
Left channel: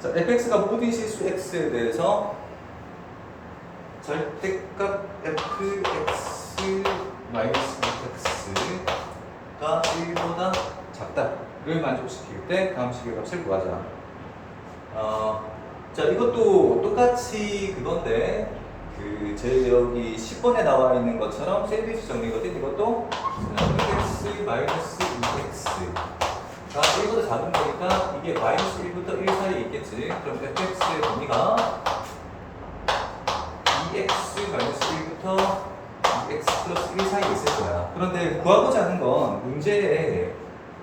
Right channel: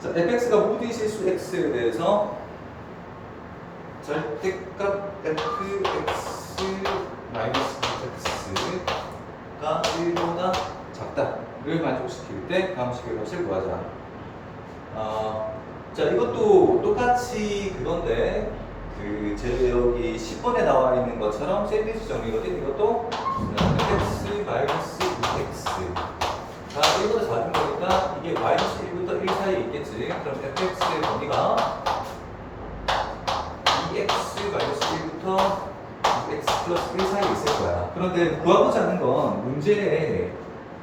자, fx가 모든 실수 x에 대해서 절대값 fx 마이너스 x가 1보다 작다를 만족시킬 때 다음 식의 값을 구하자. 자, 이것도 똑같이 그건데 제 여기 10번에 나와 있는 것처럼 샌드위치 정리거든. 이것도 fx 마이너스 2x가 1보다 작은 거니까 이게 마이너스 1부터 1 사이에 있겠지. 그럼 fx의 범위가 2x 마이너스 1부터 x 플러스 1 사이에 있을 거야. 그런데 구하고자 하는 건 문제에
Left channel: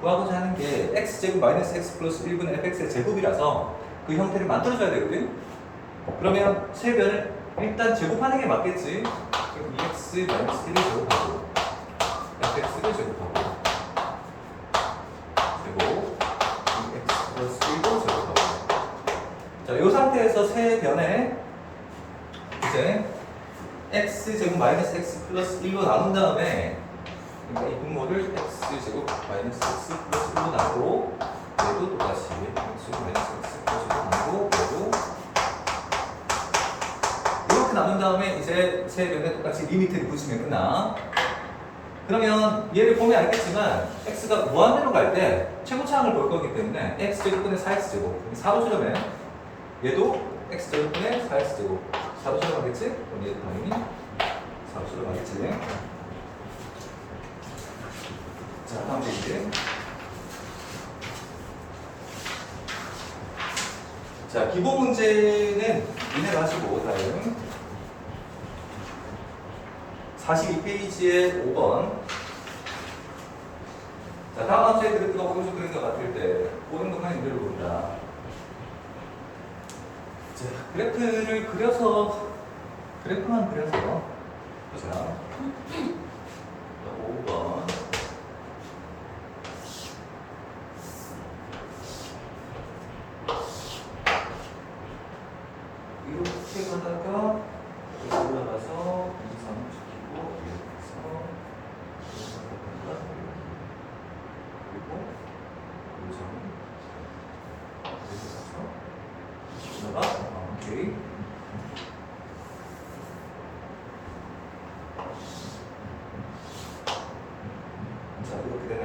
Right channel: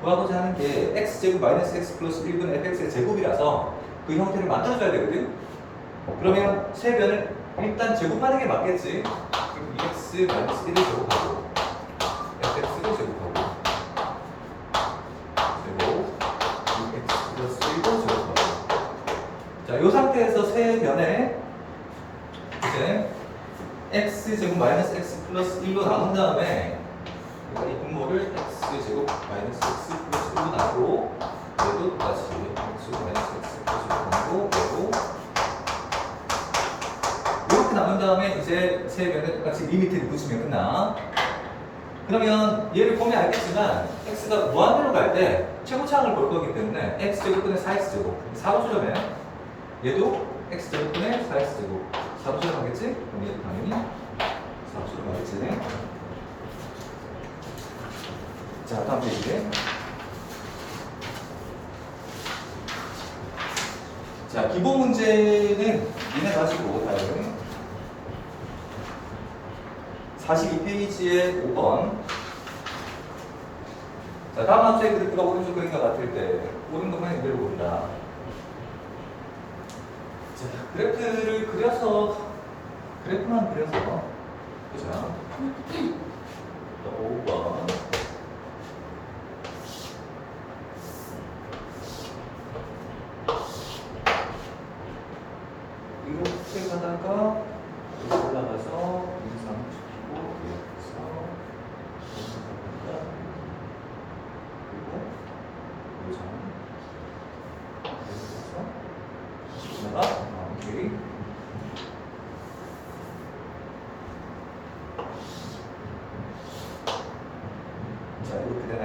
구하고자 하는 게 x제곱 마이너스 x 플러스 1분의 fx의 제곱이라서 그 형태를 만들어줘야 되거든. 그러면 세 변을 일단 제곱하는 게 맞겠지. 그럼 2x 마이너스 1을 제곱하고 fx를 제곱하고 그리고 2x 플러스 1도 제곱하고. 자, 이 상태에서 세 변에 이제 x 제곱 마이너스 x 플러스 1로 나눈 다음에 그러니까 이 분모를 x 제곱 마이너스 x 플러스 1로 나누고 얘도 똑같이 x 제곱 마이너스 x 플러스 1로 나누고 얘도 이렇게 나눈 다음에 이제 세 변에 똑같이 리미트를 붙이면 끝나. 그러면 얘를 보면 알겠지만 x가 무한대로 갈 때 최고차항을 볼 거기 때문에 x 제곱분의 4x제곱 4호수렴에 얘도 x 제곱분의 4x제곱 4호수렴 하겠지? 그럼 얘도 당연히 4호수렴 하겠지. 자, 다음 페이지. 자, 기본 문제는 이네 가지고 다음 42페이지에 5번. 자, 다음 함수의 그래프가 오른쪽 그림과 같을 때 오른쪽만 이대로 봅니다. 자, 그래프를 그려서 그래프만 그려서 보자. 5번. 이렇게 가다가 올라가서 인상시키고 이렇게 해서 그리고 요정 내려가서 올라가. 오케이. 자, 이렇게 되네.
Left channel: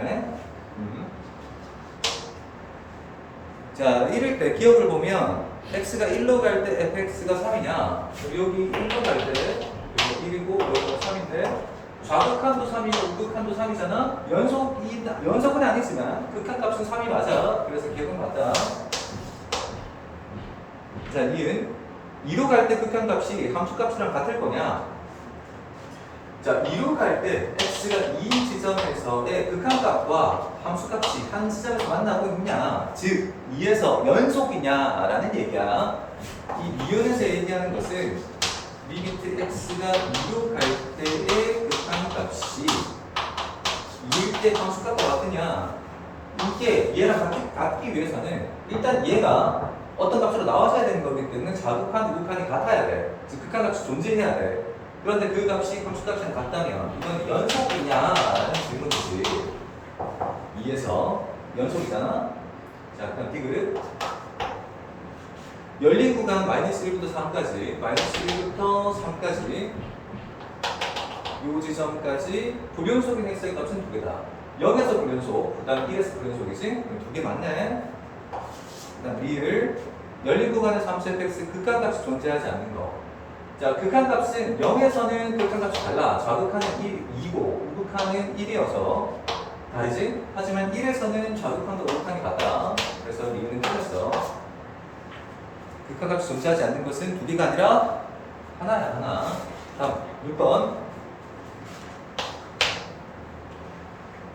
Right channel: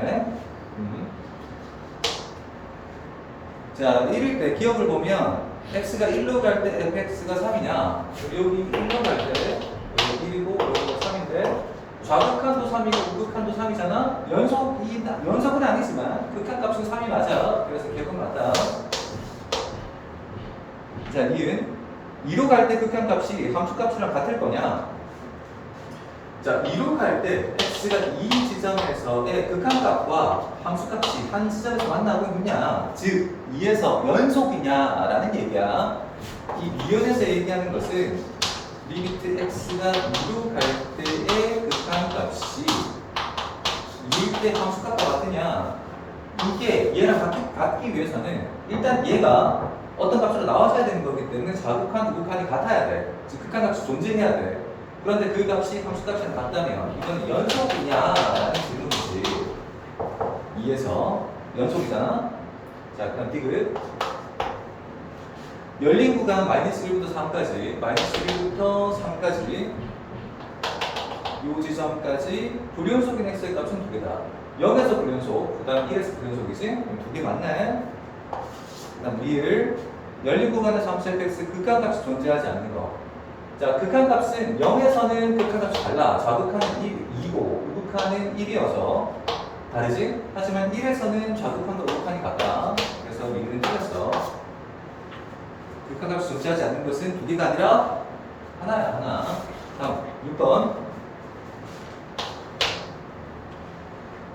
자, 이럴 때 기억을 보면 x가 1로 갈 때 fx가 3이냐, 여기 1로 갈 때 여기 1이고 여기가 3인데 좌극한도 3이고 우극한도 3이잖아. 연속은 아니지만 극한값은 3이 맞아. 그래서 기억은 맞다. 자, 니은 2로 갈 때 극한값이 함수값이랑 같을 거냐? 자, 2로 갈 때 x가 이 지점에서의 극한값과 함수값이 한 지점에서 만나고 있냐, 즉 2에서 연속이냐라는 얘기야. 이 니은에서 얘기하는 것은 리미트 x가 2로 갈 때의 극한값이 2일 때 함수값과 같으냐. 이게 얘랑 같기 위해서는 일단 얘가 어떤 값으로 나와줘야 되는 거기 때문에 좌극한, 우극한이 같아야 돼. 즉 극한값이 존재해야 돼. 그런데 그 값이 함수값이랑 같다면 이건 연속이냐라는 질문이지. 2에서 연속이잖아. 자, 그럼 디귿 열린 구간 마이너스 1부터 3까지, 마이너스 1부터 3까지 요 지점까지 불연속인 x의 값은 2개다. 0에서 불연속, 그 다음 1에서 불연속이지? 그럼 2개 맞네. 그 다음 리을 열린 구간에서 함수 fx 극한값이 존재하지 않는 거. 자, 극한값은 0에서는 극한값이 달라. 좌극한은 2고 우극한은 1이어서 다르지? 하지만 1에서는 좌극한과 우극한이 같다. 그래서 리을은 틀렸어. 극한값이 존재하지 않는 것은 2개가 아니라 하나야, 하나. 다음 6번.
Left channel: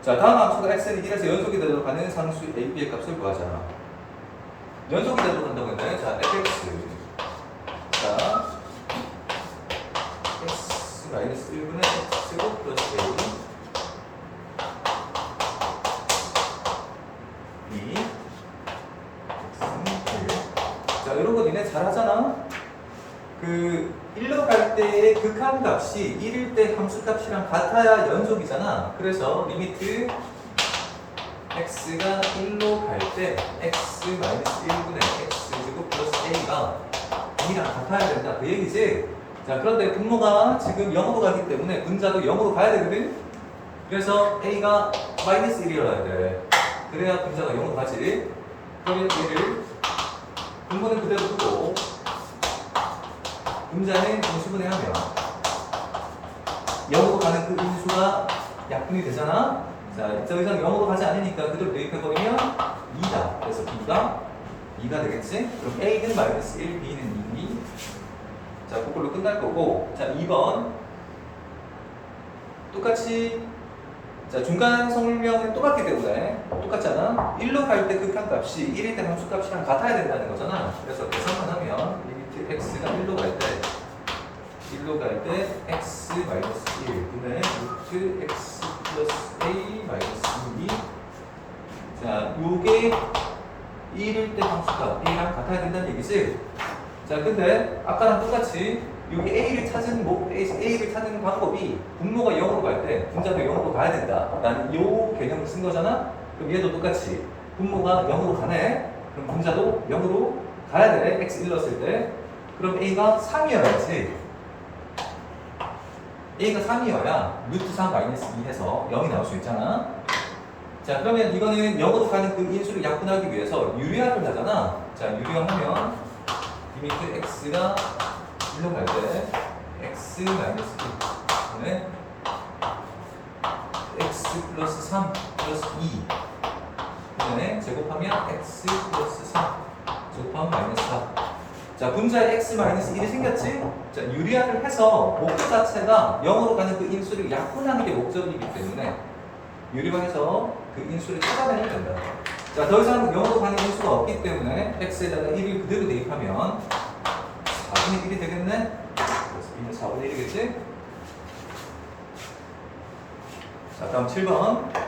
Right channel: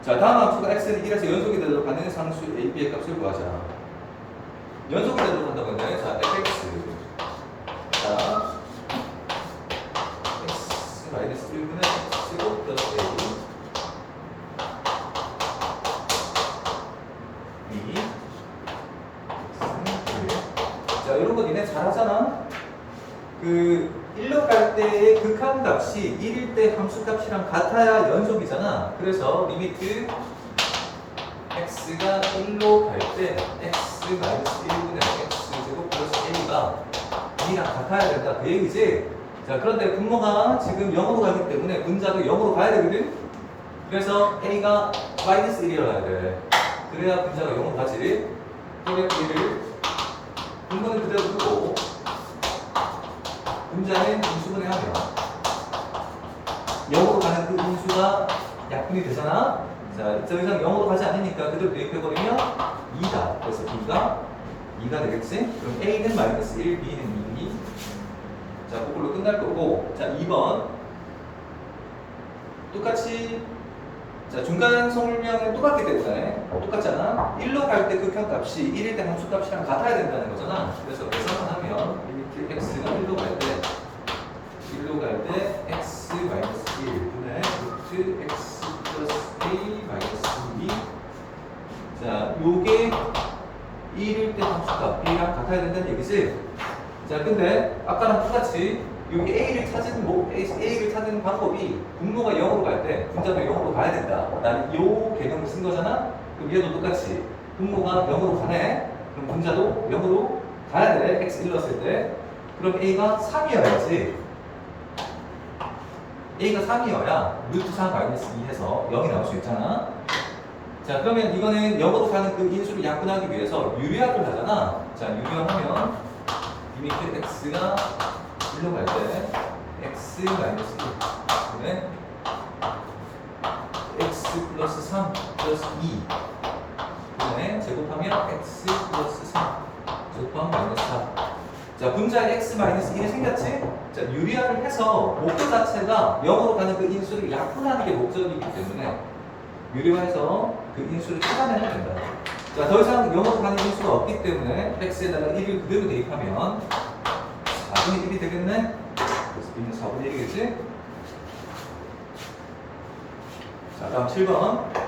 자, 다음 함수가 x는 1에서 연속이 되도록 하는 상수 a, b의 값을 구하자. 연속이 되도록 한다고 했나요? 자, fx. 자, x 마이너스 1분의 x제곱 플러스 a. 자, 이런 거 니네 잘하잖아. 그 1로 갈 때의 극한값이 1일 때 함수값이랑 같아야 연속이잖아. 그래서 리미트 x가 1로 갈 때 x 마이너스 1분의 x제곱 플러스 a가 2랑 같아야 된다. 그 얘기지? 자, 그런데 분모가 지금 0으로 가기 때문에 분자도 0으로 가야 되거든? 그래서 A가 마이너스 1이어야 돼. 그래야 분자가 0으로 가지. 그러면 얘를 분모는 그대로 두고 분자는 공시분해 하면 0으로 가는 그 인수가 약분이 되잖아. 자, 더 이상 0으로 가지 않으니까 그대로 대입해버리면 2다. 그래서 B가 2가 되겠지? 그럼 A는 마이너스 1, B는 2. 자, 그걸로 끝날 거고. 자, 2번. 똑같이. 자, 중간 성질량은 똑같기 때문에 똑같잖아. 1로 갈 때 극한값이 1일 때 함수값이랑 같아야 된다는 거잖아. 그래서 계산만 하면 리미트 x가 1로 갈 때 x 마이너스 1분의 루트 x 플러스 a 마이너스 2. 자, 요게 1일 때 함수값 a랑 같아야 된다는 얘기지. 자, 근데 아까랑 똑같이 여기 A를 찾은 방법이 분모가 0으로 갈 때 분자도 0으로 가야 된다. 나는 요 개념을 쓴 거잖아. 그럼 얘도 똑같이 분모가 0으로 가네. 그럼 분자도 0으로 가야 돼. x 1 넣었을 때. 그럼 A가 3이어야지. A가 3이어야 루트 3 마이너스 2 해서 0이 나올 수 있잖아. 자, 그러면 이거는 0으로 가는 그 인수를 약분하기 위해서 유리화를 하잖아. 자, 유리화하면 리미트 x가 1로 갈 때 x 마이너스 1는 x 플러스 3 플러스 2 그다음에 제곱하면 x 플러스 3 제곱하면 마이너스 4. 자, 분자에 x 마이너스 1이 생겼지? 자, 유리화를 해서 목표 자체가 0으로 가는 그 인수를 약분하는 게 목적이기 때문에 유리화해서 그 인수를 찾아내면 된다. 자, 더 이상 0으로 가는 인수가 없기 때문에 x에다가 1을 그대로 대입하면 4분의 1이 되겠네? 그래서 B는 4분의 1이겠지? 자, 다음 7번.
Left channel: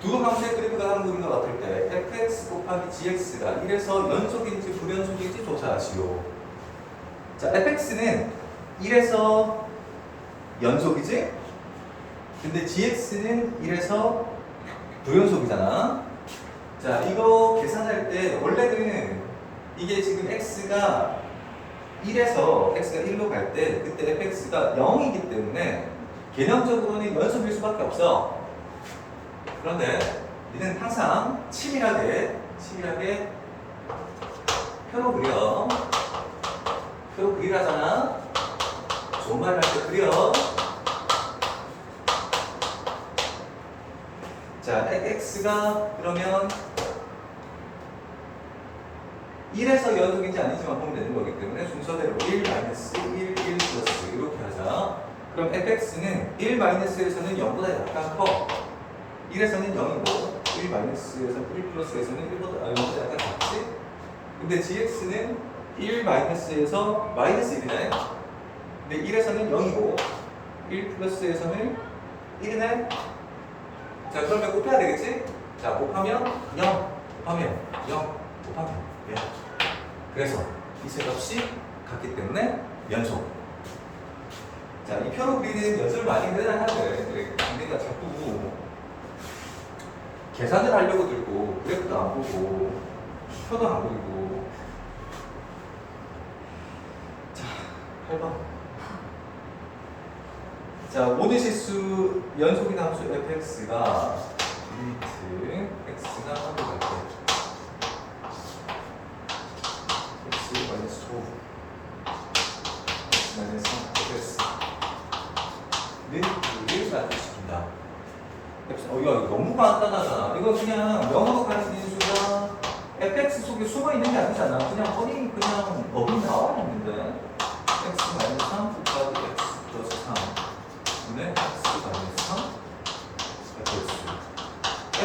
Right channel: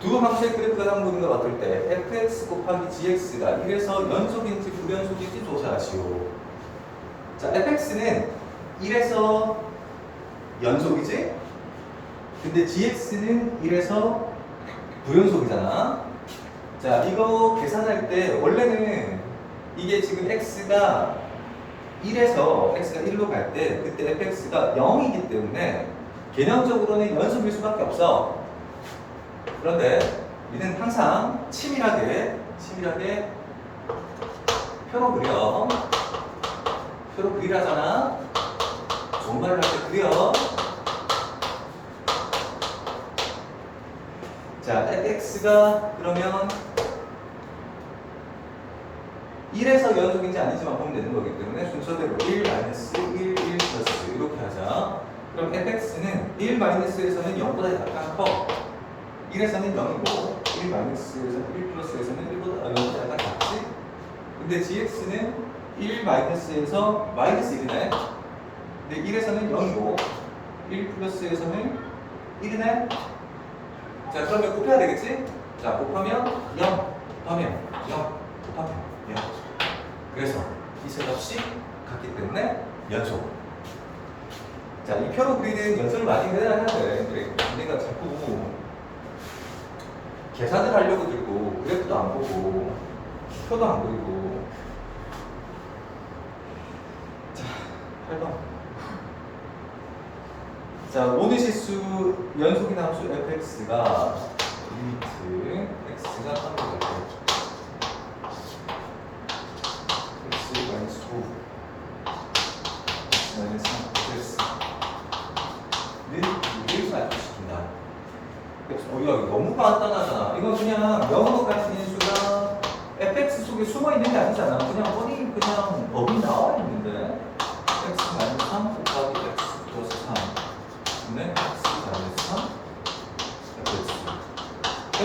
두 함수의 그래프가 담그는 걸 어떨 때 fx 곱하기 gx가 1에서 연속인지 불연속인지 조사하시오. 자, fx는 1에서 연속이지? 근데 gx는 1에서 불연속이잖아. 자, 이거 계산할 때 원래는 이게 지금 x가 1에서 x가 1로 갈 때 그때 fx가 0이기 때문에 개념적으로는 연속일 수밖에 없어. 그런데 니는 항상 치밀하게 표로 그려. 표로 그리라잖아. 좋은 말을 할 때 그려. 자, x가 그러면 1에서 연속인지 아닌지만 보면 되는 거기 때문에 순서대로 1 마이너스 1 플러스 이렇게 하자. 그럼 fx는 1 마이너스에서는 0보다 약간 커. 1에서는 0이고 1 마이너스에서 1 플러스에서는 0보다 약간 작지. 근데 gx는 1 마이너스에서 마이너스 1이네. 근데 1에서는 0이고 1 플러스에서는 1이네. 자, 그러면 곱해야 되겠지? 자, 곱하면 0, 곱하면 0, 곱하면 0. 그래서 이 세 값이 같기 때문에 연속. 자, 이 표로 그리는 연습을 많이 해야 하는데 우리가 자꾸 계산을 하려고 들고 그래프도 안 보고 표도 안 그리고. 자, 8번. 자, 모든 실수 연속인 함수 fx가 리미트 x가 3로 갈 때 x 마이너스 5 x 마이너스 3 x는 2를 맞추십니다. 이거 너무 간단하잖아. 이거 그냥 0으로 가는 인수가 fx 속에 숨어 있는 게 아니잖아. 그냥 어디 그냥 법이 나와 있는데 x 마이너스 3 곱하기 x 플러스 3 네, x 마이너스 3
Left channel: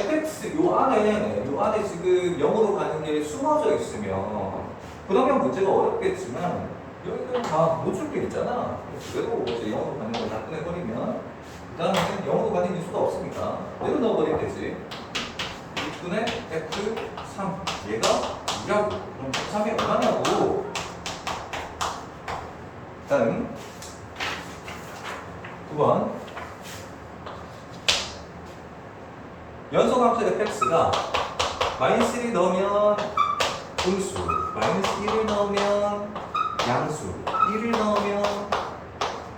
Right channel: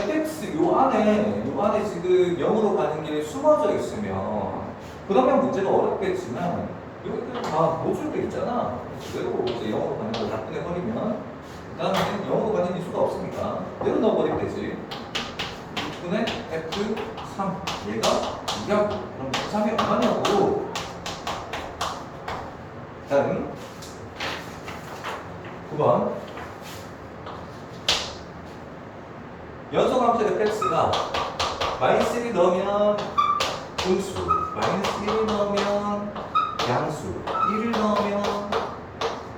fx 요 안에 지금 0으로 가는 게 숨어져 있으면 그러면 문제가 어렵겠지만 여기는 다 못 줄 게 있잖아. 그래도 이제 0으로 가는 걸 약분해 버리면 그 다음에는 0으로 가는 인수가 없으니까 내로 넣어버리면 되지. 6분의 f3 얘가 2라고. 그럼 3이 얼마냐고. 다음 9번. 연속함수 fx가 마이너스 1을 넣으면 분수, 마이너스 1을 넣으면 양수 1을 넣으면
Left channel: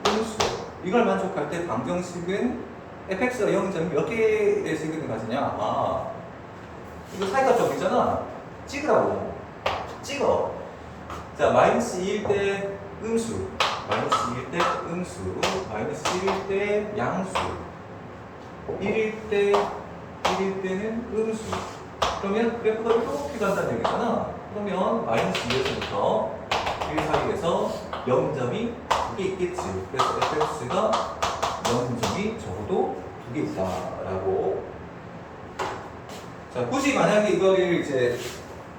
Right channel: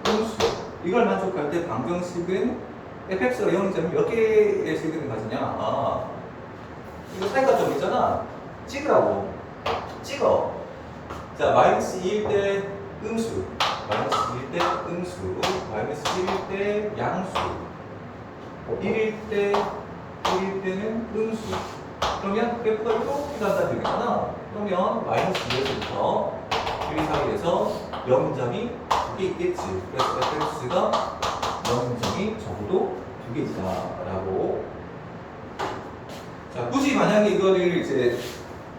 음수. 이걸 만족할 때 방정식은 fx가 0점이 몇 개의 식을 가지냐? 아, 이거 사이가 점이잖아. 찍으라고. 찍어. 자, 마이너스 2일 때 음수, 마이너스 2일 때 음수, 마이너스 1일 때 양수, 1일 때는 음수. 그러면 그래프가 이렇게 간다는 얘기잖아. 그러면 마이너스 2에서부터 1, 4에서 0점이 2개 있겠지. 그래서 fx가 0점이 적어도 2개 있다라고. 자, 굳이 만약에 이거를 이제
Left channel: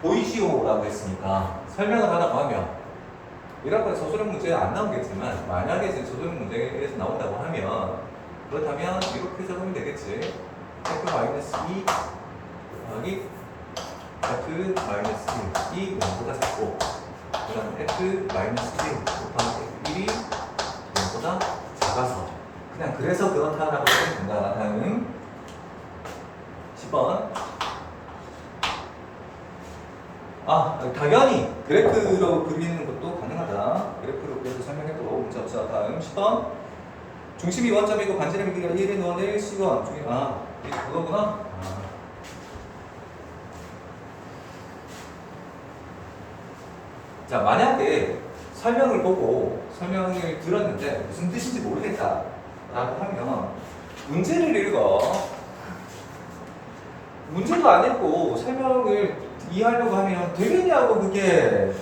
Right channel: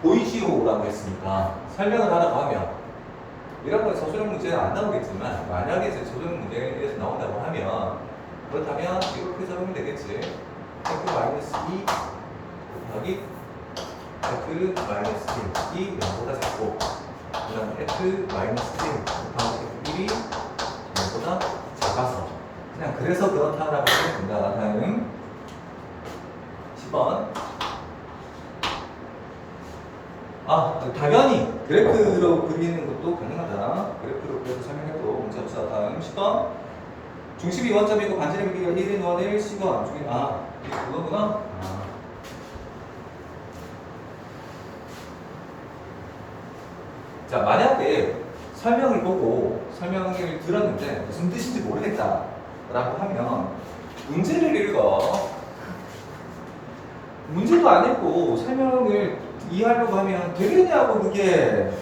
보이시오라고 했으니까 설명을 하라고 하면 이런 건 저소형 문제에 안 나오겠지만 만약에 이제 저소형 문제에서 나온다고 하면 그렇다면 이렇게 적으면 되겠지. f-2 곱하기 f-1이 0보다 작고 그 다음 f-1 곱하기 f1이 0보다 작아서 그냥 그래서 그렇다라고 하면 된다. 다음 10번. 당연히 그래프로 그리는 것도 가능하다. 그래프로 그려서 설명해도 문제 없어. 다음 10번. 중심이 원점이고 반지름의 길이가 1인 원의 시원. 이게 그거구나. 자, 만약에 설명을 보고 설명을 들었는데 무슨 뜻인지 모르겠다 라고 하면 문제를 읽어. 문제도 안 읽고 설명을 이해하려고 하면 되겠냐고 그게.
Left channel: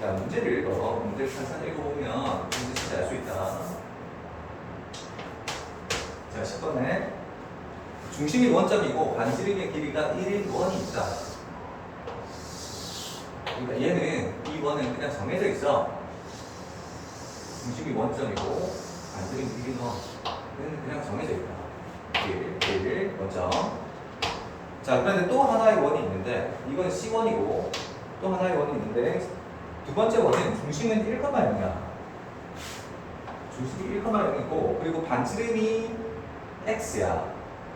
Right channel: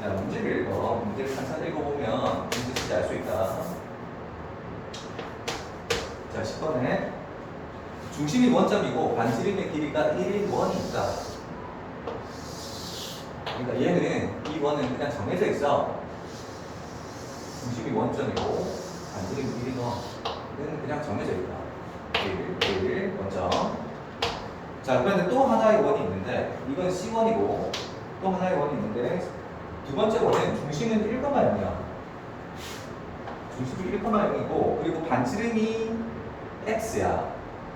자, 문제를 읽어. 문제를 천천히 읽어보면 무슨 뜻인지 알 수 있다. 자, 10번에 중심이 원점이고 반지름의 길이가 1인 원이 있다. 그러니까 얘는 이 원은 그냥 정해져 있어. 중심이 원점이고 반지름이 1인 원은 그냥 정해져 있다. 1 원점. 자, 그런데 또 하나의 원이 있는데 이건 C1이고 또 하나의 원이 있는데 두 번째 원은 중심은 1,0이야. 중심이 1,0이고 그리고 반지름이 x야.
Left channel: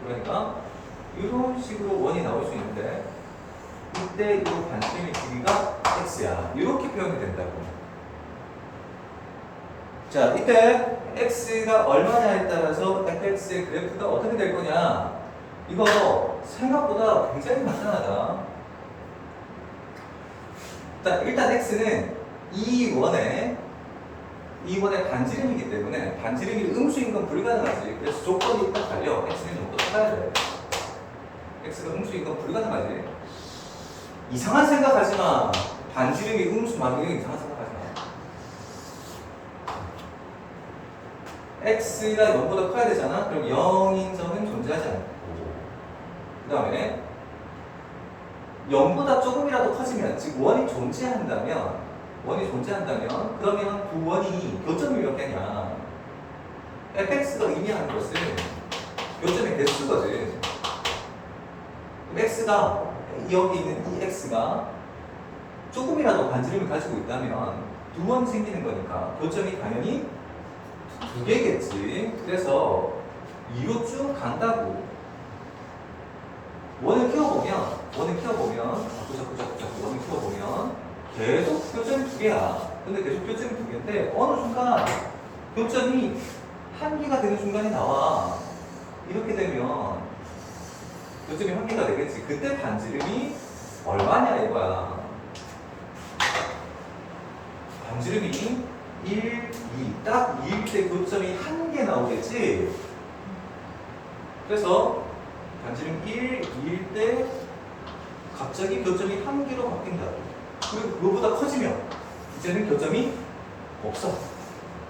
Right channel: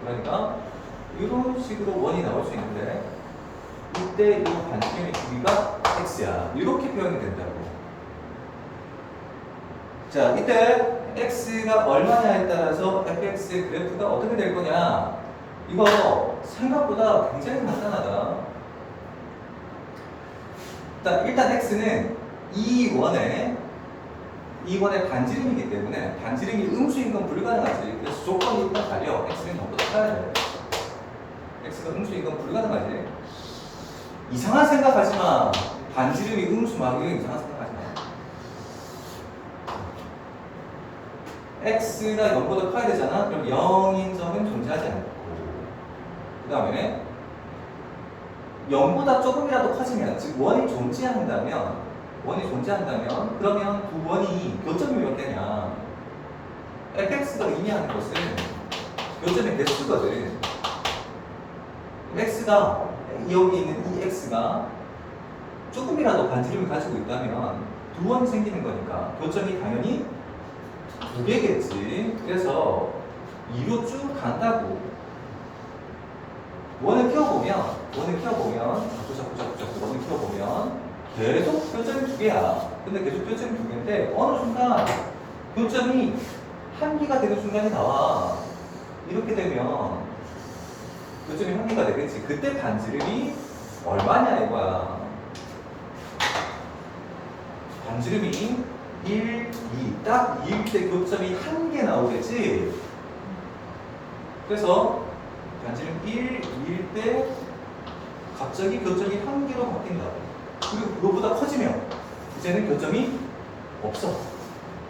그러니까 이런 식으로 원이 나올 수 있는데 이때 이 반지름의 길이가 x야. 이렇게 표현이 된다고. 자, 이때 x가 얼마냐에 따라서 fx의 그래프가 어떻게 될 거냐. 이거 생각보다 굉장히 간단하다. 일단 x는 이 원의 반지름이기 때문에 반지름이 음수인 건 불가능하지. 그래서 조건이 딱 달려. x는 0보다 커야 돼. x가 음수인 건 불가능하지. 이상한 생각하지 마. 반지름이 음수 막 이런 이상한 생각하지 마. x가 0보다 커야 되잖아. 그럼 0인 점은 존재하지 않고 그 다음에 0보다 조금이라도 커지면, 즉 원이 존재한다면 그러면 두 원이 교점이 몇 개냐? fx가 의미하는 것은 교점의 개수거든. x가 여기 있는 이 x가 조금이라도 반지름을 가지고 있다면 두 원이 생기는 거니까 교점이 당연히 두 개겠지. 그래서 2로 쭉 간다고. 원을 키워보면 자꾸 원을 키워보면 계속 교점이 두 개야. 근데 계속 교점이 두 개인데 어느 순간 교점이 한 개가 되는 순간이 나와. 이렇게 되면 교점이 한 개가 되겠지. 그때 반지름이 얼마냐 이거야. 반지름이 1, 2, 딱 2일 때 교점이 한 개 나오겠지. 그래서 반지름 1, 2일 때 갑자기 교점이 한 개로 바뀐다. 그리고 그거보다 커지면 이제는 교점이 없어.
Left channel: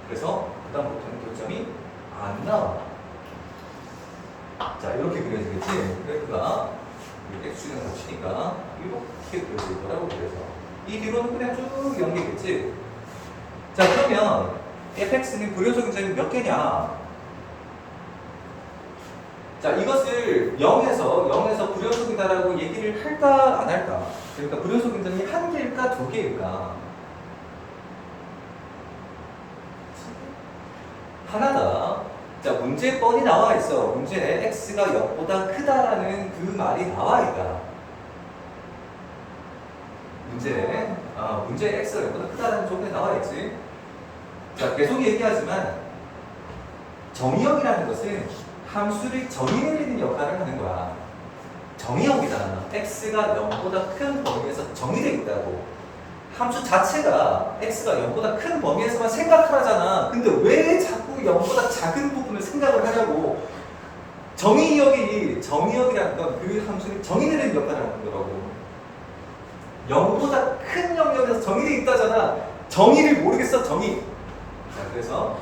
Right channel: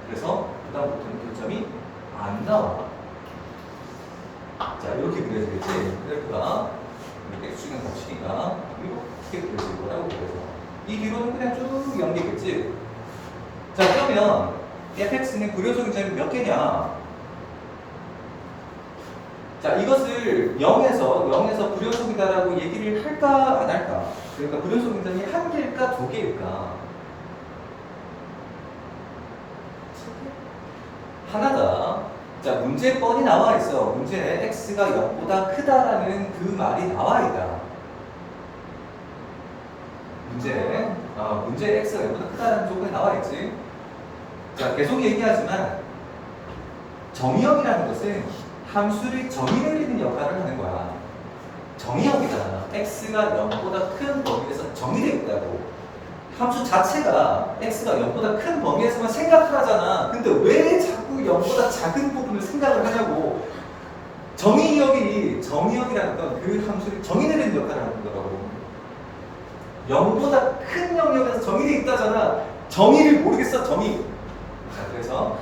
그래서 그다음부터는 교점이 안 나와. 자, 이렇게 그려지겠지. 그래프가 이렇게 x축은 겹치니까 이렇게 그려질 거라고 그래서 이 뒤로는 그냥 쭉 연계겠지. 자, 그러면 fx는 불효소득 점이 몇 개냐? 자, 이것을 0에서 불효소득이다라고 얘기를 할까 안 할까? 그러니까 불효소득 점이 한 개일까 두 개일까? 하나다. 자, 문제 뻔히 나와 있어. 문제에 x가 0보다 크다라는 그 말이 나와 있다. 문제에 x가 0보다 크다라는 조건이 나와 있지. 자, 계속 얘기하지만 정의역이라는 것은 함수를 정의 내리는 역할을 하는 거야. 정의역이잖아. x가 0보다 큰 범위에서 정의되어 있다고. 함수 자체가 x가 0보다 큰 범위에서만 생각하잖아. 근데 왜 자꾸 0보다 작은 부분을 생각을 하냐고. 정의역이라는 건 그 함수를 정의 내리는 역할을 하는 거라고. 0보다 큰 영역에서 정의되어 있다잖아. 정의를 모르겠어, 정의. 자, 그래서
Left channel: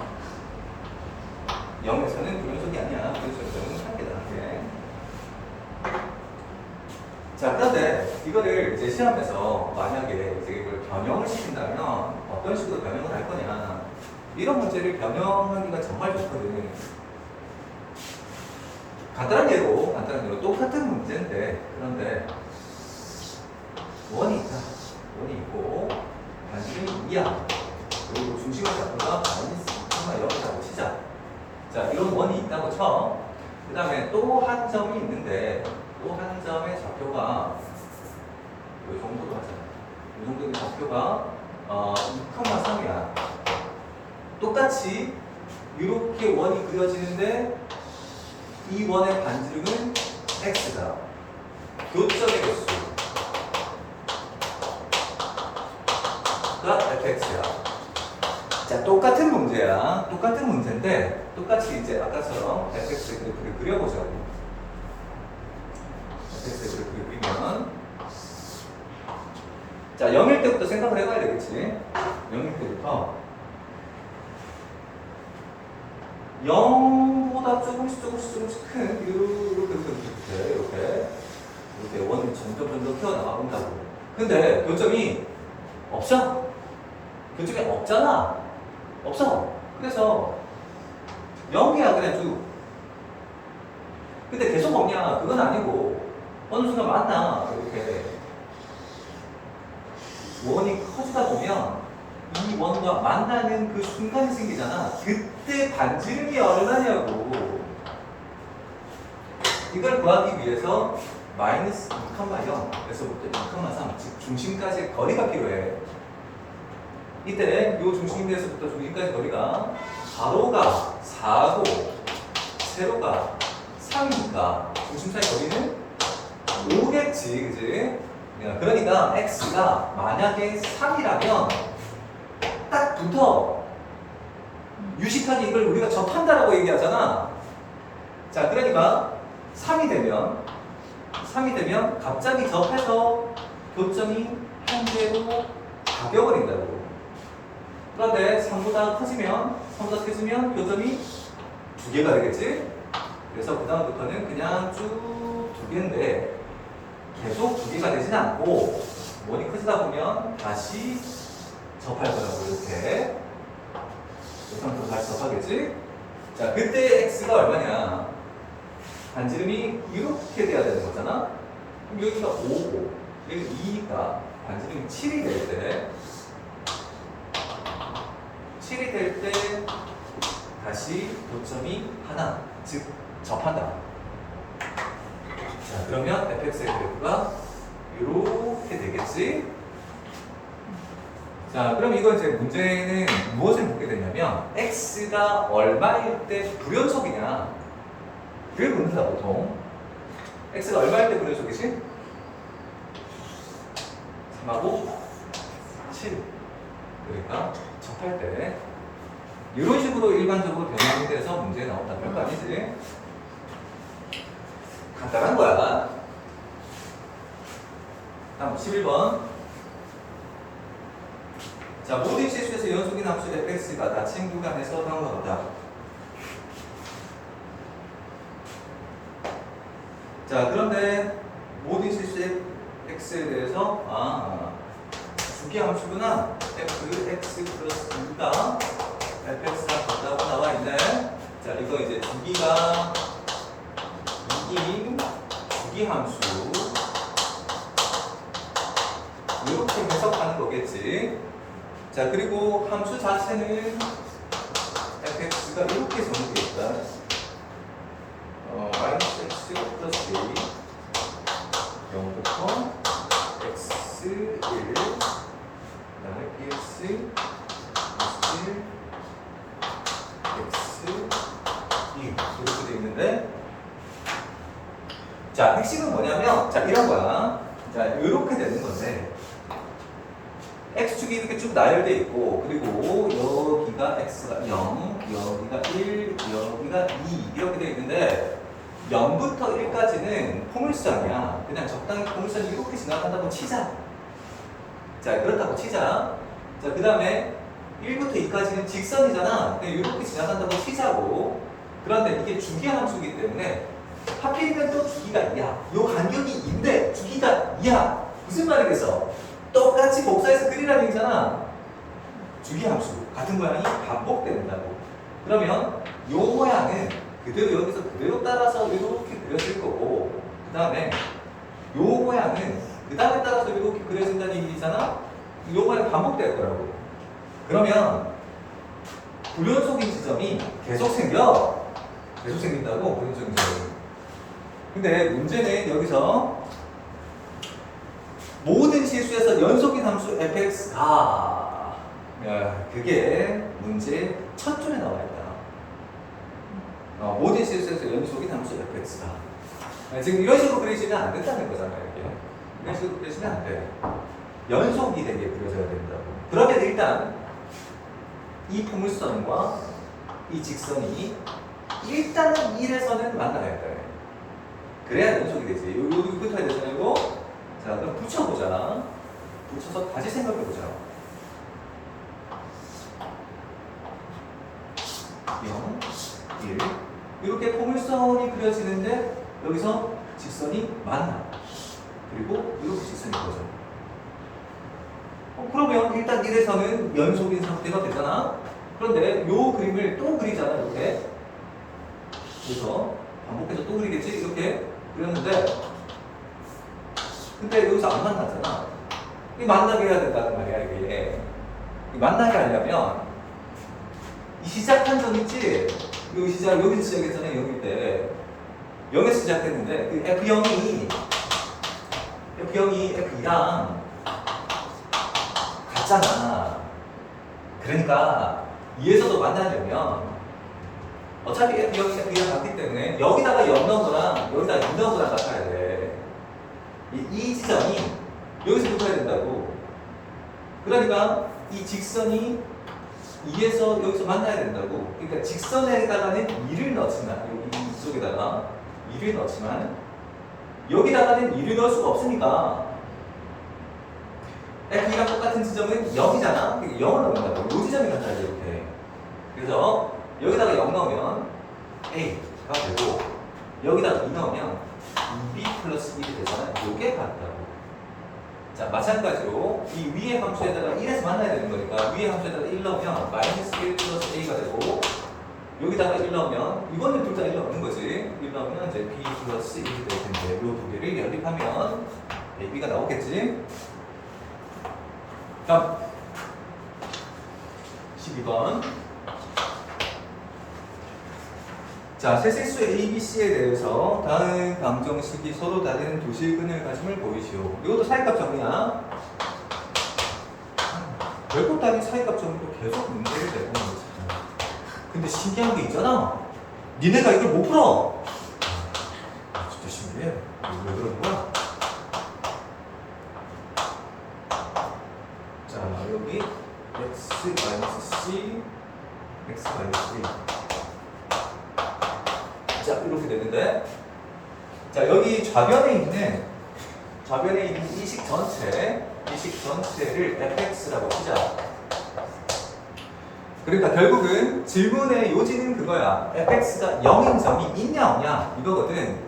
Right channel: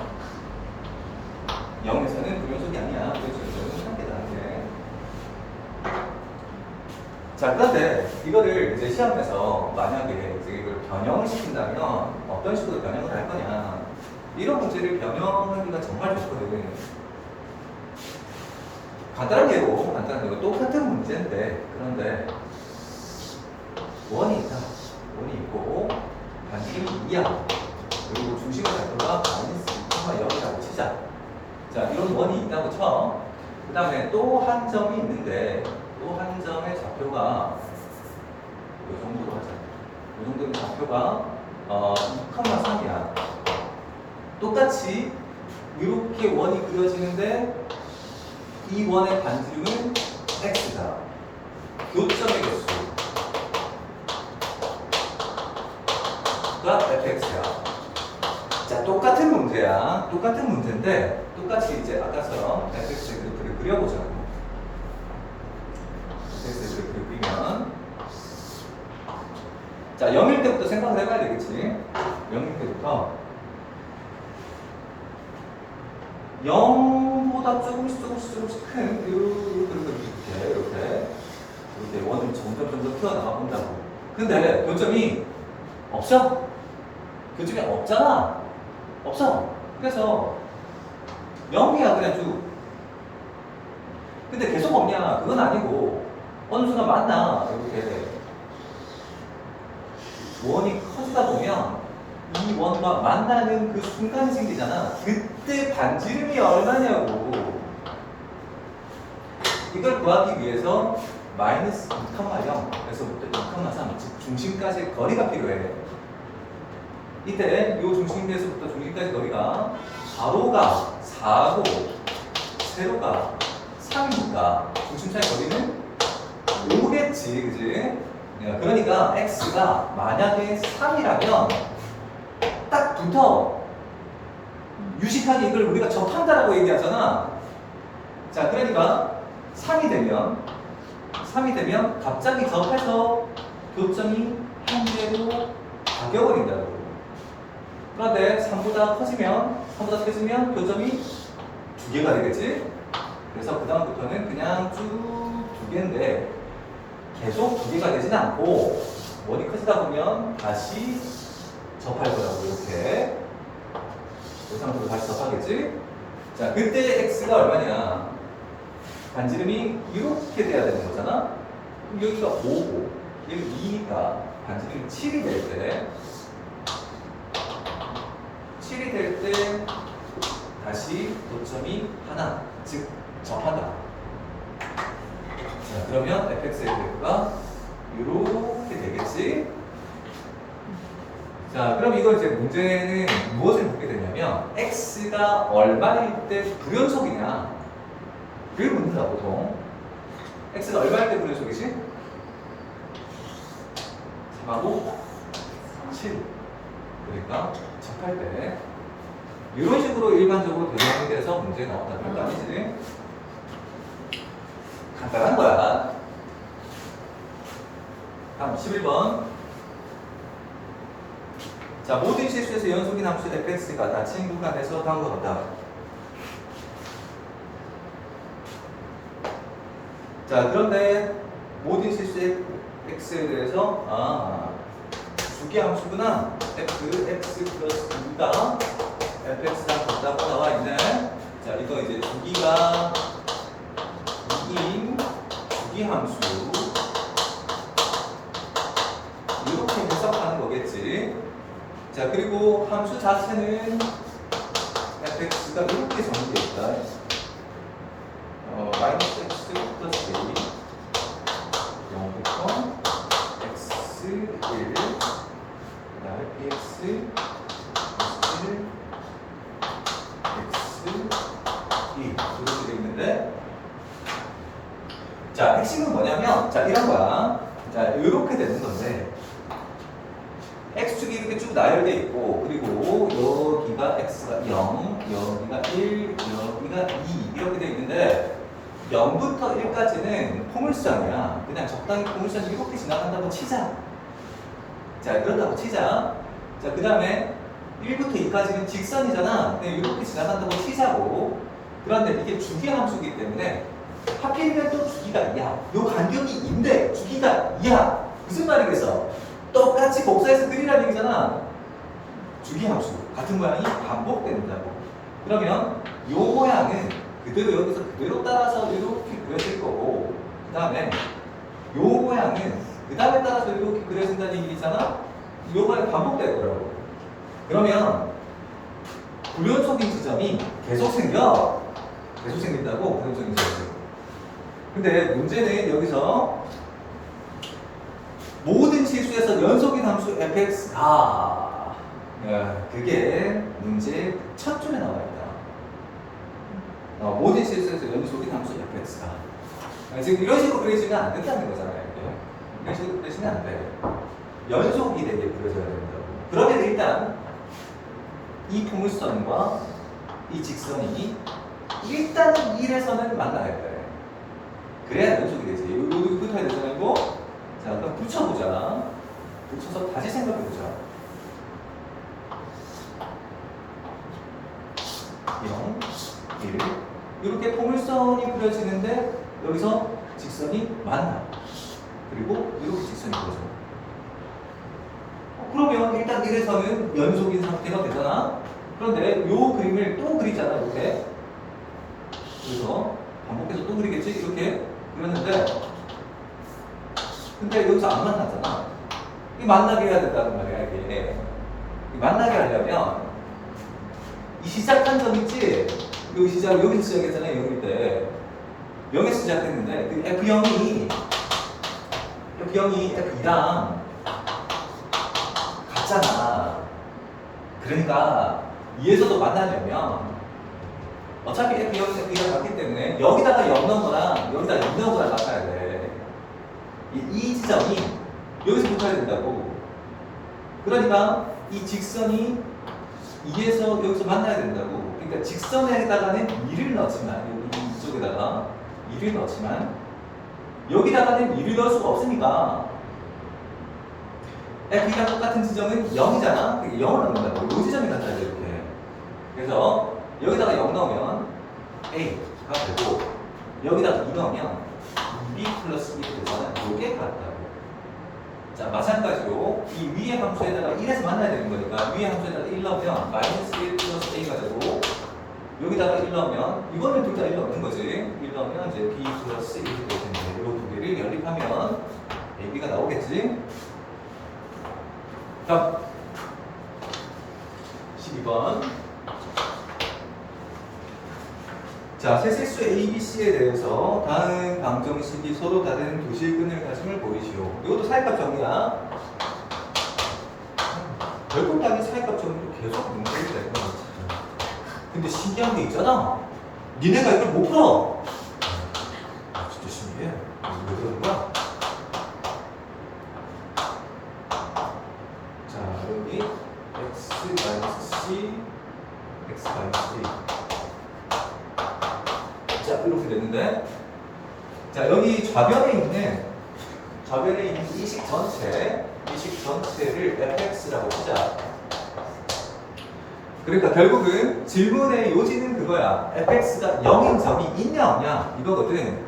0에서는 불연속이 아니야. 불연속은 한계다. 예. 자, 그런데 이거를 이제 시험에서 만약에 이제 이걸 변형을 시킨다면 어떤 식으로 변형을 할 거냐. 이런 문제를 변형하기가 정말 좋거든. 간단한 예로 똑같은 문제인데, 그런데 원이 있다. 원이 있고 반지름이 2야. 그리고 중심의 좌표가 -2,0이라고 치자. 자, 이런 원이 있다고 쳐. 그 다음에 또 한 점이 있는데, 또 한 점의 좌표가 이 정도로 하자. 이 정도의 좌표가 2,3이야. 똑같이 이렇게 원이 그려지는데 이 원의 반지름은 x다. 교점의 개수가 fx야. 자, 똑같은 문제야. 똑같은 문제인데 똑같이 이제 아까처럼 fx의 그래프를 그려보자고. fx의 그래프를 그리면, 자, 0일 때부터 생각을 해봐야 되겠지. 0일 때부터 0보다 조금씩 큰 이렇게 원이 점점 튀어나가 본다고. 근데 교점이 없어. 교점이 없잖아. 없어. 그래서 0이야 그냥 쭉. 근데 계속 없냐? 그건 아니고 어느 순간 만나. 이렇게 원이 커지다 보면 이 원과 만나는 그 순간이 생기잖아. 그때 반지름이 얼마냐고. 이걸 구하기 위해서 -2,0에서부터 2,3 중심까지 거리가 필요해. 이때 이 중심에서부터 중심까지 거리가 가로가 4고 세로가 3이니까 중심 사이 거리는 5겠지, 그지? 그러니까 x가 만약에 3이라면 딱 붙어. 유식하게 이걸 우리가 접한다라고 얘기하잖아. 자, 그러니까 3이 되면 갑자기 접해서 교점이 현재로 바뀌어버린다고. 그런데 3보다 커지면 교점이 2개가 되겠지? 그래서 그 다음부터는 그냥 쭉 2개인데 계속 2개가 되진 않고 원이 커지다 보면 다시 접할 거라고. 이렇게 이 상태로 다시 접하겠지? 자, 그때 x가 얼마냐? 반지름이 이렇게 돼야 되는 거잖아? 그럼 여기가 5고 여기 2가 반지름이 7이 될 때 다시 고점이 하나, 즉 접한다. 자, 그러면 fx의 그래프가 이렇게 되겠지? 자, 그럼 이거 이제 문제는 무엇을 묻게 되냐면 x가 얼마일 때 불연속이냐? 를 묻는다, 보통. x가 얼마일 때 불연속이지? 3하고 7. 그러니까 접할 때 이런 식으로 일반적으로 변형이 돼서 문제에 나온다. 그런 거 아니지? 간단한 거야. 다음 11번. 자, 모든 실수에서 연속인 함수 fx가 닫힌 구간에서 다음과 같다. 자, 그런데 모든 실수의 x에 대해서 주기 함수구나. fx 플러스 2가 fx랑 같다고 나와 있네. 자, 이거 이제 주기가 2인 주기 함수 이렇게 해석하는 거겠지. 자, 그리고 함수 자체는 fx가 이렇게 정의되어 있다. 마이너스 x 플러스 a 0부터 x 1 x 1 x 2 이렇게 되어 있는데 자 핵심은 뭐냐면 자 이런 거야. 자 이렇게 되는 건데 x축이 이렇게 쭉 나열돼 있고 그리고 여기가 x가 0 여기가 1 여기가 2 이렇게 되어 있는데 0부터 1까지는 포물선이야. 그냥 적당히 포물선이 이렇게 지나간다고 치자. 자 그렇다고 치자. 자 그 다음에 1부터 2까지는 직선이잖아. 그냥 이렇게 지나간다고 치자고. 그런데 이게 주기 함수이기 때문에 하필이면 또 주기가 2야. 요 간격이 2인데 주기가 2야. 무슨 말이겠어? 똑같이 복사해서 그리라는 얘기잖아. 주기 함수 같은 모양이 반복된다고. 그러면 요 모양은 그대로 여기서 그대로 따라서 이렇게 그려질 거고 그 다음에 요 모양은 그 다음에 따라서 이렇게 그려진다는 얘기잖아. 요 모양이 반복될 거라고. 그러면 불연속인 지점이 계속 생겨. 계속 생긴다고 불연속인 지점이. 근데 문제는 여기서 모든 실수에서 연속인 함수 fx가 그게 문제 첫 줄에 나와 있다. 모든 실수에서 연속인 함수 fx가 지금 이런 식으로 그리시면 안 된다는 거잖아요. 이렇게. 이런 식으로 그리시면 안 돼. 연속이 되게 그려져야 된다고. 그러면 일단 이 포물선과 이 직선이 일단은 1에서는 만나야 돼. 그래야 연속이 되지. 여기 붙어야 되잖아요. 이거. 자, 그럼 붙여보자. 붙여서 다시 생각해보자. 0, 1. 이렇게 포물선이 그려지는데 여기서 직선이 만나. 그리고 이렇게 직선이 그려져. 그러면 일단 1에서는 연속인 상태가 되잖아. 그런데 요 그림을 또 그리잖아. 이렇게. 그래서 반복해서 또 그리겠지? 이렇게 그렸는데 근데 여기서 안 만나잖아. 이 만나게 해야 된다는 말이야, 이게. 이 만나게 하려면 이 시작한 점 있지? 여기 여기서 시작했잖아요, 여기 때. 0에서 시작했는데 그 F0이 F2랑 같잖아. 그러니까 2에서도 만나려면 어차피 F0, F2랑 같기 때문에 여기다가 0 넣은 거랑 여기다가 2 넣은 거랑 같아야 돼. 이 지점이 여기서 붙어야 된다고. 그러니까 이 직선이 2에서 여기서 만나야 된다고. 그러니까 직선에다가는 2를 넣지만 여기 이쪽에다가 2를 넣지만 여기다가는 2를 넣을 수가 없으니까 F이랑 똑같은 지점은 0이잖아. 그러니까 0을 넣는다고. 이 지점이 같아야 돼 이렇게. 그래서 여기다가 0 넣으면 A가 되고 여기다가 2 넣으면 2B 플러스 1이 되잖아. 요게 같다고. 자, 마찬가지로 이 위의 함수에다가 1에서 만나야 되는 거니까 위의 함수에다가 1 넣으면 마이너스 1 플러스 A가 되고 여기다가 1 넣으면 이거는 둘 다 1 넣는 거지. 1 넣으면 이제 B 플러스 1이 될 텐데 이 두 개를 연립하면 AB가 나오겠지. 자, 12번. 자, 세 실수 A, B, C에 대해서 다음 방정식이 서로 다른 두 실근을 가짐을 보이시오. 이것도 사이값 정리야. 별것도 아닌 사이값 정리도 계속 문제를 내는 거지. 근데 신기한 게 있잖아. 니네가 이걸 못 풀어. 진짜 신기해. 왜 그러는 거야? 자, 여기 x-c, x-c. 자, 이렇게 되는데, 자, 여기 좌변에 있는 이식 전체를 fx라고 치자. 그러니까 결국은 질문의 요지는 그거야. fx가 0인 점이 있냐 없냐 이거거든.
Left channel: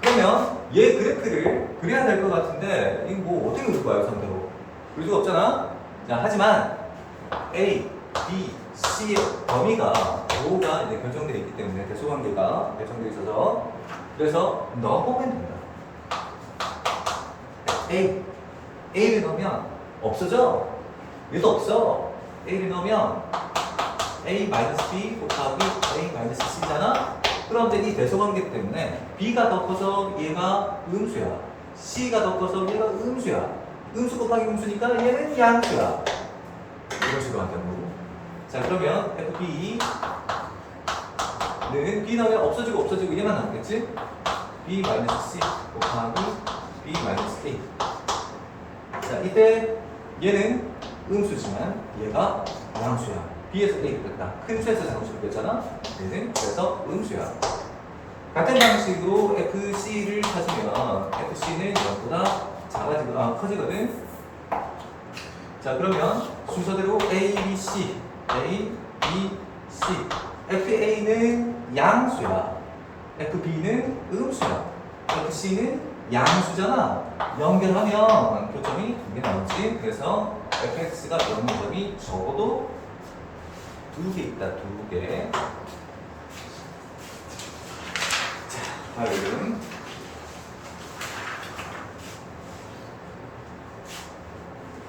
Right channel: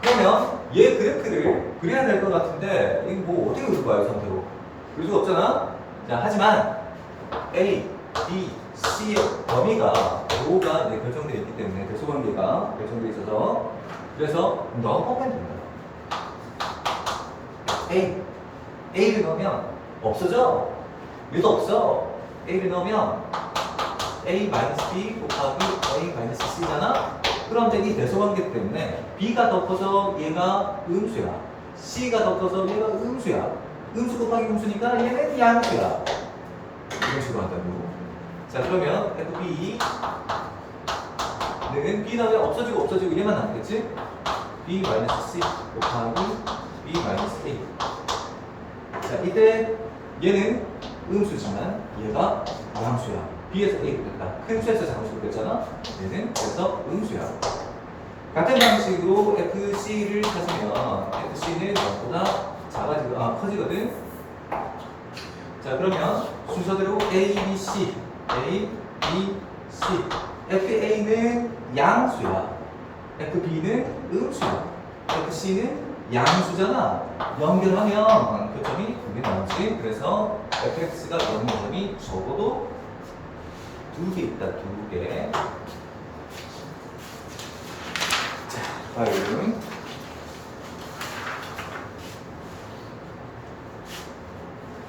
그러면 얘 그래프를 그려야 될 것 같은데 이거 뭐 어떻게 그릴 거야 상대로? 그릴 수가 없잖아. 자, 하지만 A, B, C의 범위가 O가 이제 결정되어 있기 때문에 대소관계가 결정되어 있어서 그래서 넣어보면 된다. A를 넣으면 없어져. 얘도 없어. A를 넣으면 A-B 곱하기 A-C잖아? 그럼 이제 이 대소관계 때문에 B가 더 커서 얘가 음수야. C가 더 커서 얘가 음수야. 음수 곱하기 음수니까 얘는 양수야. 이런 식으로 한다고. 자, 그러면 FB는 B 나오면 없어지고 얘만 남겠지? B 마이너스 C 곱하기 B 마이너스 K. 자, 이때 얘는 음수지만 얘가 양수야. B에서 A 됐다. 큰 수에서 작은 수로 됐잖아. 얘는 그래서 음수야. 같은 방식으로 FC를 찾으면 FC는 0보다 커지거든. 자, 그러면 순서대로 A, B, C, A, B, C. FA는 양수야. FB는 음수야. FC는 양수잖아. 연결하면 교점이 2개 나오지. 그래서 fx가 연결점이 적어도 2개 있다. 2개. 자, 다음.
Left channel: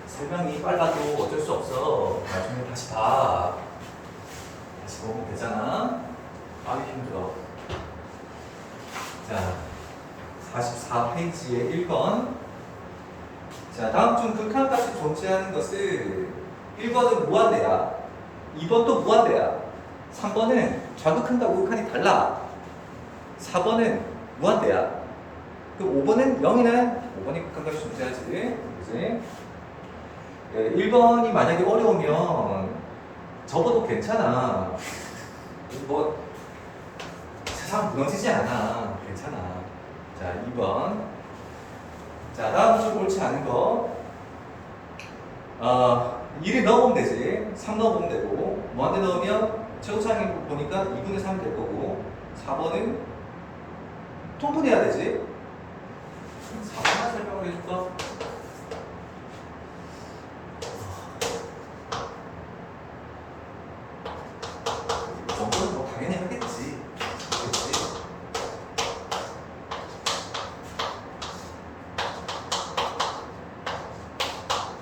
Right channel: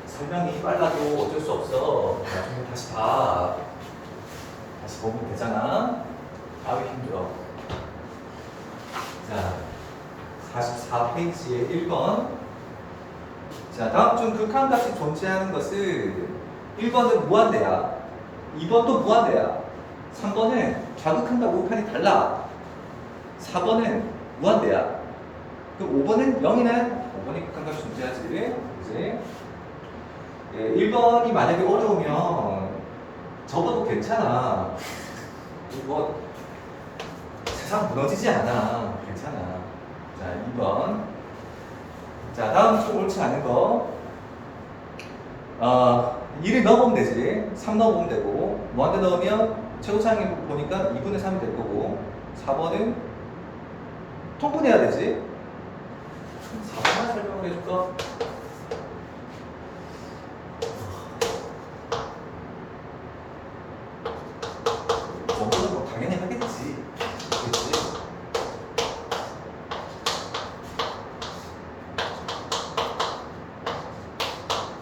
설명이 빨라도 어쩔 수 없어. 나중에 다시 봐. 다시 보면 되잖아. 아유, 힘들어. 자, 44페이지의 1번. 자, 다음 중 극한값이 존재하는 것은 1번은 무한대야. 2번도 무한대야. 3번은 좌극한과 우극한이 달라. 4번은 무한대야. 그럼 5번은 0이네. 5번이 극한값이 존재하지. 그지? 1번이 만약에 어려우면 접어도 괜찮아. 뭐 세상 무너지지 않아. 괜찮아. 자, 2번. 자, 다음 좀 옳지 않은 거. 1을 넣어보면 되지. 3 넣어보면 되고. 무한대 넣으면 최고차항이 보니까 2분의 3이 될 거고. 4번은 통분해야 되지. 4번 하나 설명을 해줄까? 정도는 뭐 당연히 하겠지. 그렇지?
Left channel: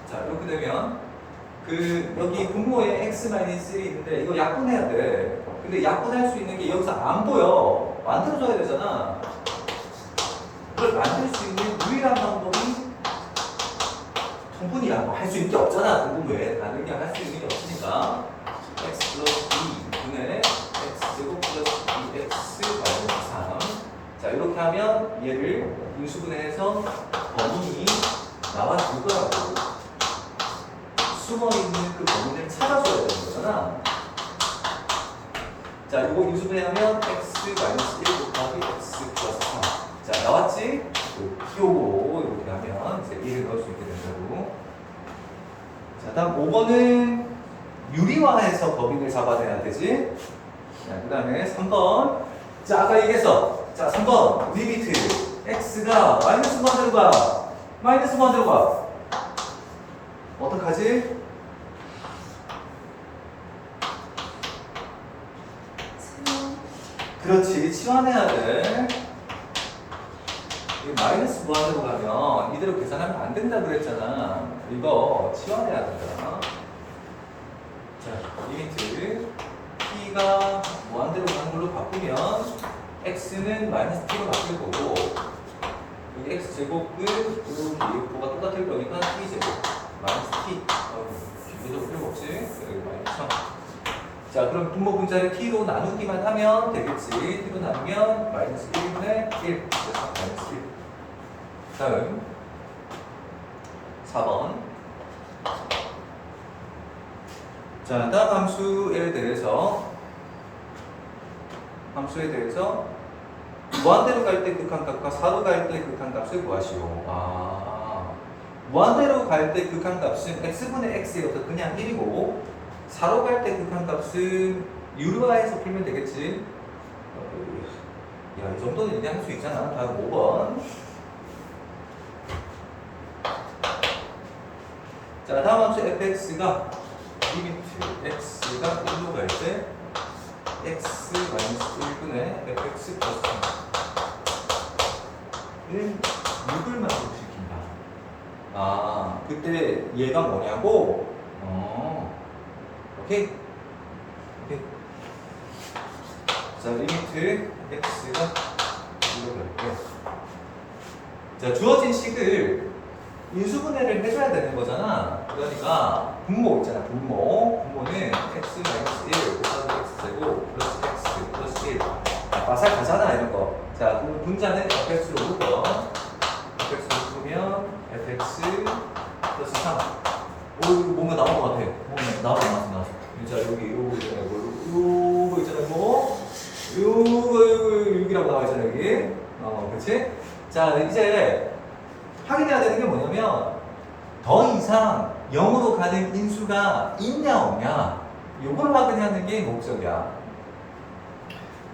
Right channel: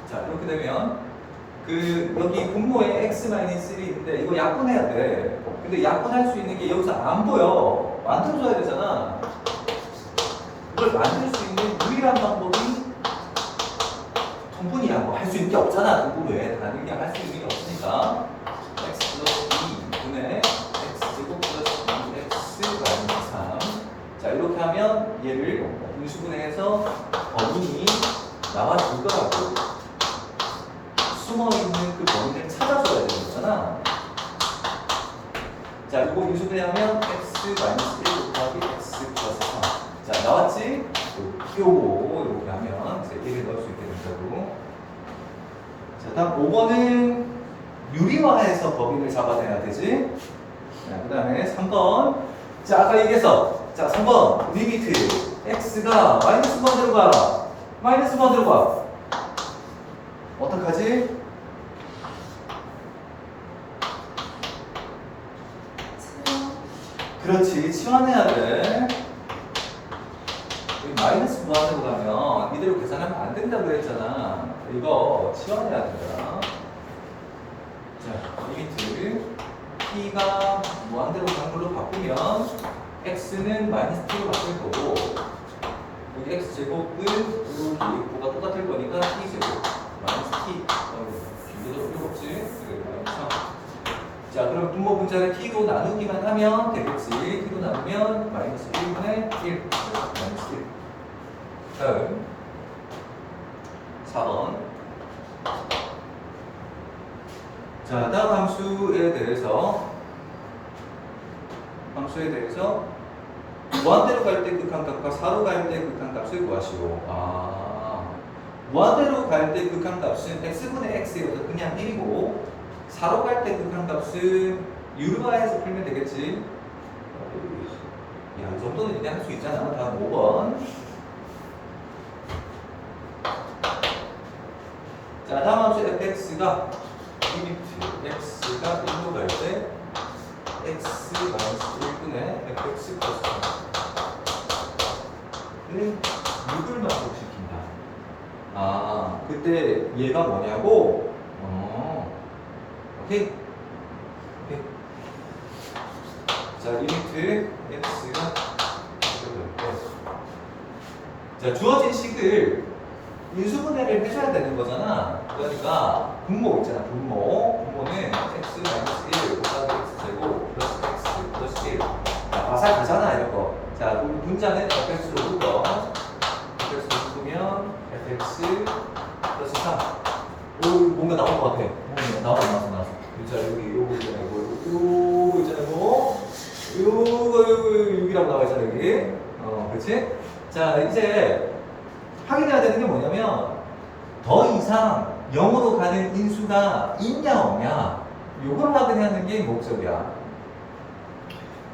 자, 이렇게 되면 여기 분모에 x-1이 있는데 이거 약분해야 돼. 근데 약분할 수 있는 게 여기서 안 보여. 만들어줘야 되잖아. 그걸 만들 수 있는 유일한 방법이 통분이야. 뭐 할 수 있는 게 없잖아. 통분 외에 다른 게 할 수 있는 게 없으니까. x 플러스 2분의 x제곱 플러스 2x 마이너스 3. 자, 이렇게 하면 얘를 분수분해해서 범인이 나와줄 거라고. 숨어있는 그 범인을 찾아줘야 되는 거잖아. 자, 이거 인수분해하면 x 마이너스 1 곱하기 x 플러스 3. 자, 나왔지? 요거 이렇게 하면 이제 1을 넣을 수 있게 된다고. 자, 다음 5번은 유리화해서 범위를 잡아내야 되지. 자, 그 다음에 3번. 자, 아까 얘기해서. 자, 3번. 리미트. x가 마이너스 만으로 가. 마이너스 만으로 가. 어떡하지? 그렇지. 치환해야 돼. 이거 마이너스 무한으로 가면 이대로 계산하면 안 된다고 그랬잖아. 이거 치환해야 된다. 자, 리미트 t가 무한대로 가는 걸로 바꾸면 x는 마이너스 t로 바뀔 거고 여기 x제곱은 여기 뭐가 똑같을 거니까 t제곱 마이너스 t 비교도 필요 없지. 그래, 마이너스 3. 자, 그럼 분모 분자를 t로 나누기만 하면 되겠지. t로 나누면 마이너스 1분의 1 마이너스 1. 다음 4번. 자, 다음 함수에 대해서 무한대로 갈 때 극한값과 사로 갈 때 극한값을 구하시오. 무한대로 갈 때 극한값은 x분의 x여서 그냥 1이고 사로 갈 때 극한값은 유리화해서 풀면 되겠지. 야, 이 정도는 얘기할 수 있잖아. 다음 5번. 자, 다음 함수 fx가 리미트 x가 1로 갈 때 x 마이너스 1분의 fx 플러스 3를 6을 만족시킨다. 그때 얘가 뭐냐고? 오케이? 오케이. 자, 리미트 x가 1로 갈 때. 자, 주어진 식을 인수분해를 해줘야 되는 거잖아. 그러니까 분모 있잖아. 분모는 x 마이너스 1 곱하기 x제곱 플러스 x 플러스 1. 자, 마살 가잖아 이런 거. 자, 그럼 분자는 fx로 묶어. fx로 묶으면 fx 플러스 3. 오, 뭔가 나온 것 같아. 나왔어. 자, 여기 요거 있잖아요. 요거 있잖아요. 요거 6이라고 나와 있잖아 여기. 그렇지? 자, 이제 확인해야 되는 게 뭐냐면 더 이상 0으로 가는 인수가 있냐 없냐 이걸 확인하는 게 목적이야.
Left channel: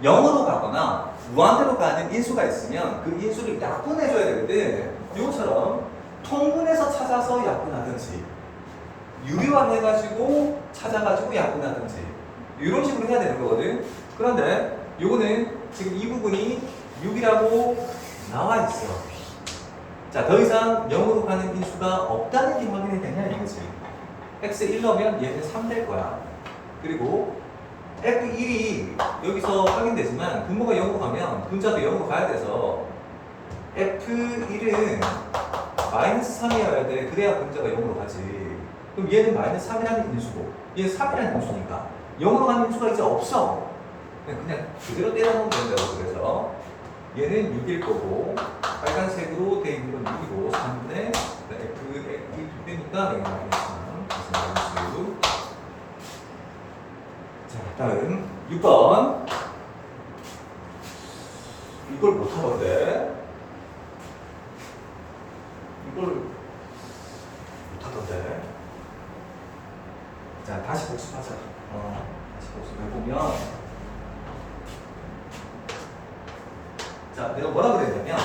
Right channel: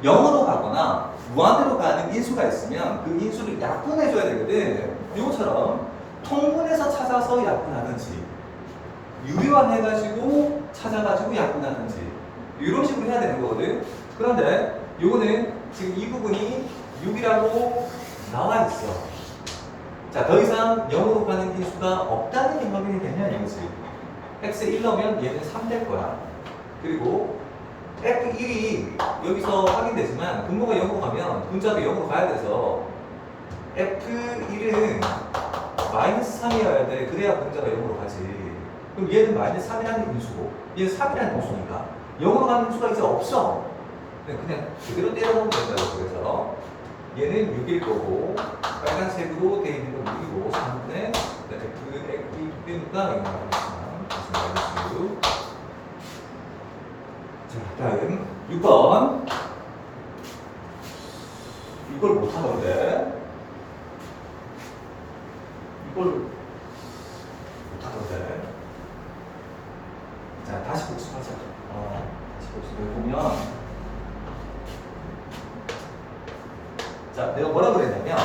0으로 가거나 무한대로 가는 인수가 있으면 그 인수를 약분해줘야 되거든. 이것처럼 통분해서 찾아서 약분하든지 유리화해가지고 찾아가지고 약분하든지 이런 식으로 해야 되는 거거든. 그런데 요거는 지금 이 부분이 6이라고 나와 있어. 자, 더 이상 0으로 가는 인수가 없다는 게 확인이 되냐 이거지. x 1 넣으면 얘는 3 될 거야. 그리고 f1이 여기서 확인되지만 분모가 0으로 가면 분자도 0으로 가야 돼서 f1은 마이너스 3이어야 돼. 그래야 분자가 0으로 가지. 그럼 얘는 마이너스 3이라는 인수고 얘는 3이라는 인수니까 0으로 가는 인수가 이제 없어. 그냥 그대로 때려넣으면 된다고. 그래서 얘는 6일 거고 빨간색으로 되어 있는 건 6이고 3분의 F2 되니까 여기 나오겠지만 마이너스 6. 자, 다음 6번. 이걸 못하던데. 자, 다시 복습하자. 다시 복습해보면 자, 내가 뭐라 그랬냐면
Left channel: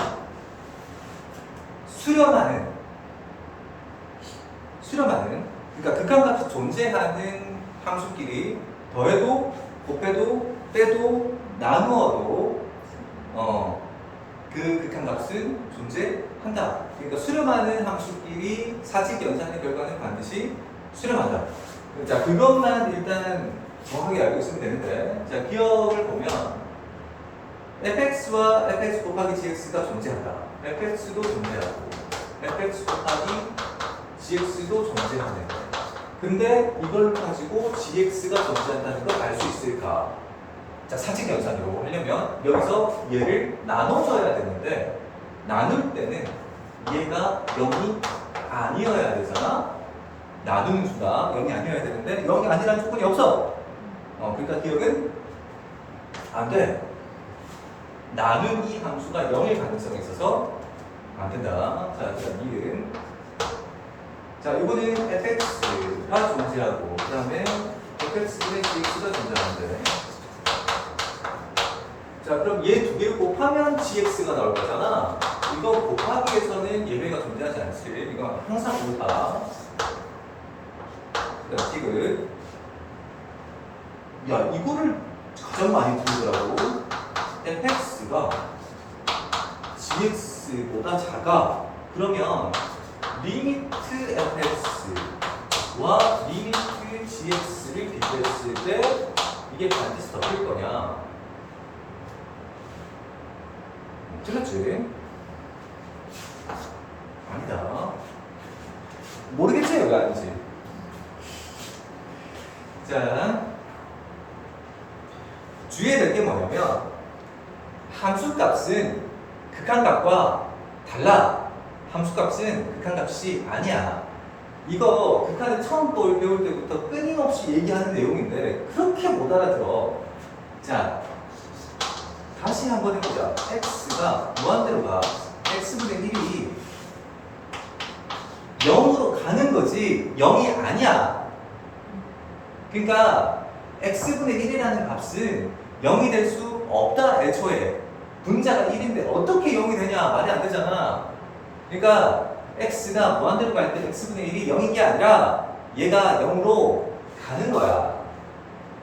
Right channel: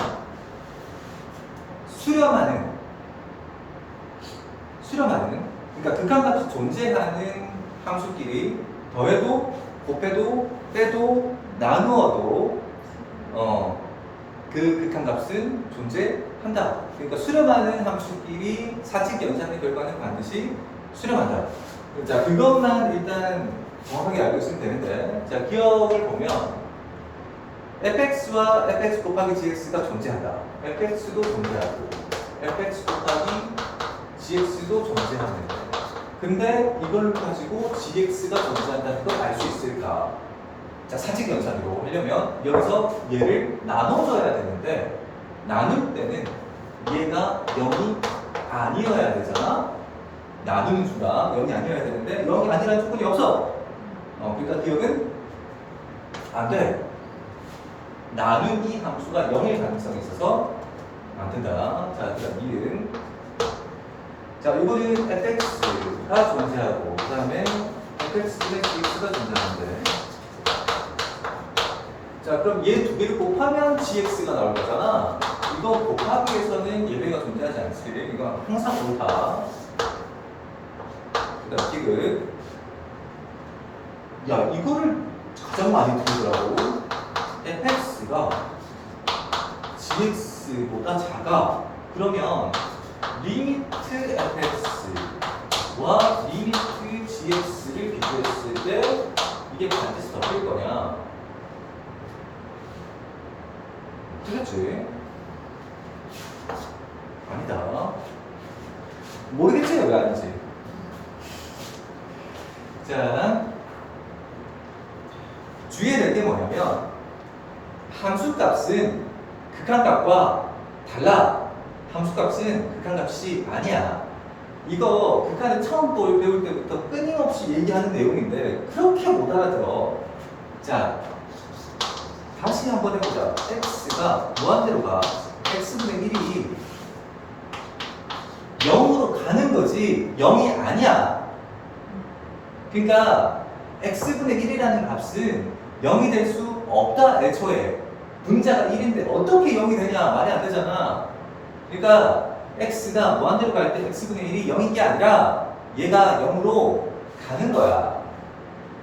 수렴하는 그러니까 극한값이 존재하는 함수끼리 더해도 곱해도 빼도 나누어도 그 극한값은 존재한다. 그러니까 수렴하는 함수끼리 사칙 연산의 결과는 반드시 수렴한다. 자, 그것만 일단 정확하게 알고 있으면 되는데, 자, 기억을 보면 fx와 fx 곱하기 gx가 존재한다. fx도 존재하고 fx 곱하기 gx도 존재하는데, 근데 이걸 가지고 gx가 존재한다는 걸 알 수 있을까? 자, 사칙 연산으로 하려면 여기서 얘를 나눠줘야 되는데, 나눌 때는 얘가 0이 아니어야 되잖아. 나누는 수가 0이 아니어야 되는데 0이 아니라는 조건이 없어. 그러니까 기억은 안 돼. 나누기 함수가 0일 가능성이 있어서 안 된다. 자, 그다음 이은. 자, 이거는 fx가 존재하고 그 다음에 fx분의 gx가 존재하는데, 자, 그럼 얘 두 개를 곱하면 gx가 나올 거잖아. 이거 곱하기에서는 예외가 존재하지 않지. 이건 항상 옳다. 그 다음 디귿. 야, 이거를 가장 많이 들으더라고. fx가 gx보다 작아. 그러면 리미트 fx와 리미트 gx를 비교했을 때 이게 반드시 덮일 거냐? 틀렸지? 아니다. 모르겠지? 왜 아니지? 자, 주의해야 될 게 뭐냐면 함수값은 극한값과 달라. 함수값은 극한값이 아니야. 이거 극한을 처음 배울 때부터 끊임없이 얘기하는 내용인데 그렇게 못 알아들어. 자, 다시 한번 해보자. x가 무한대로 가. x분의 1이 0으로 가는 거지 0이 아니야. 그러니까 x분의 1이라는 값은 0이 될 수 없다. 애초에 분자가 1인데 어떻게 0이 되냐? 말이 안 되잖아. 그러니까 x가 무한대로 갈 때 x분의 1이 0인 게 아니라 얘가 0으로 가는 거야.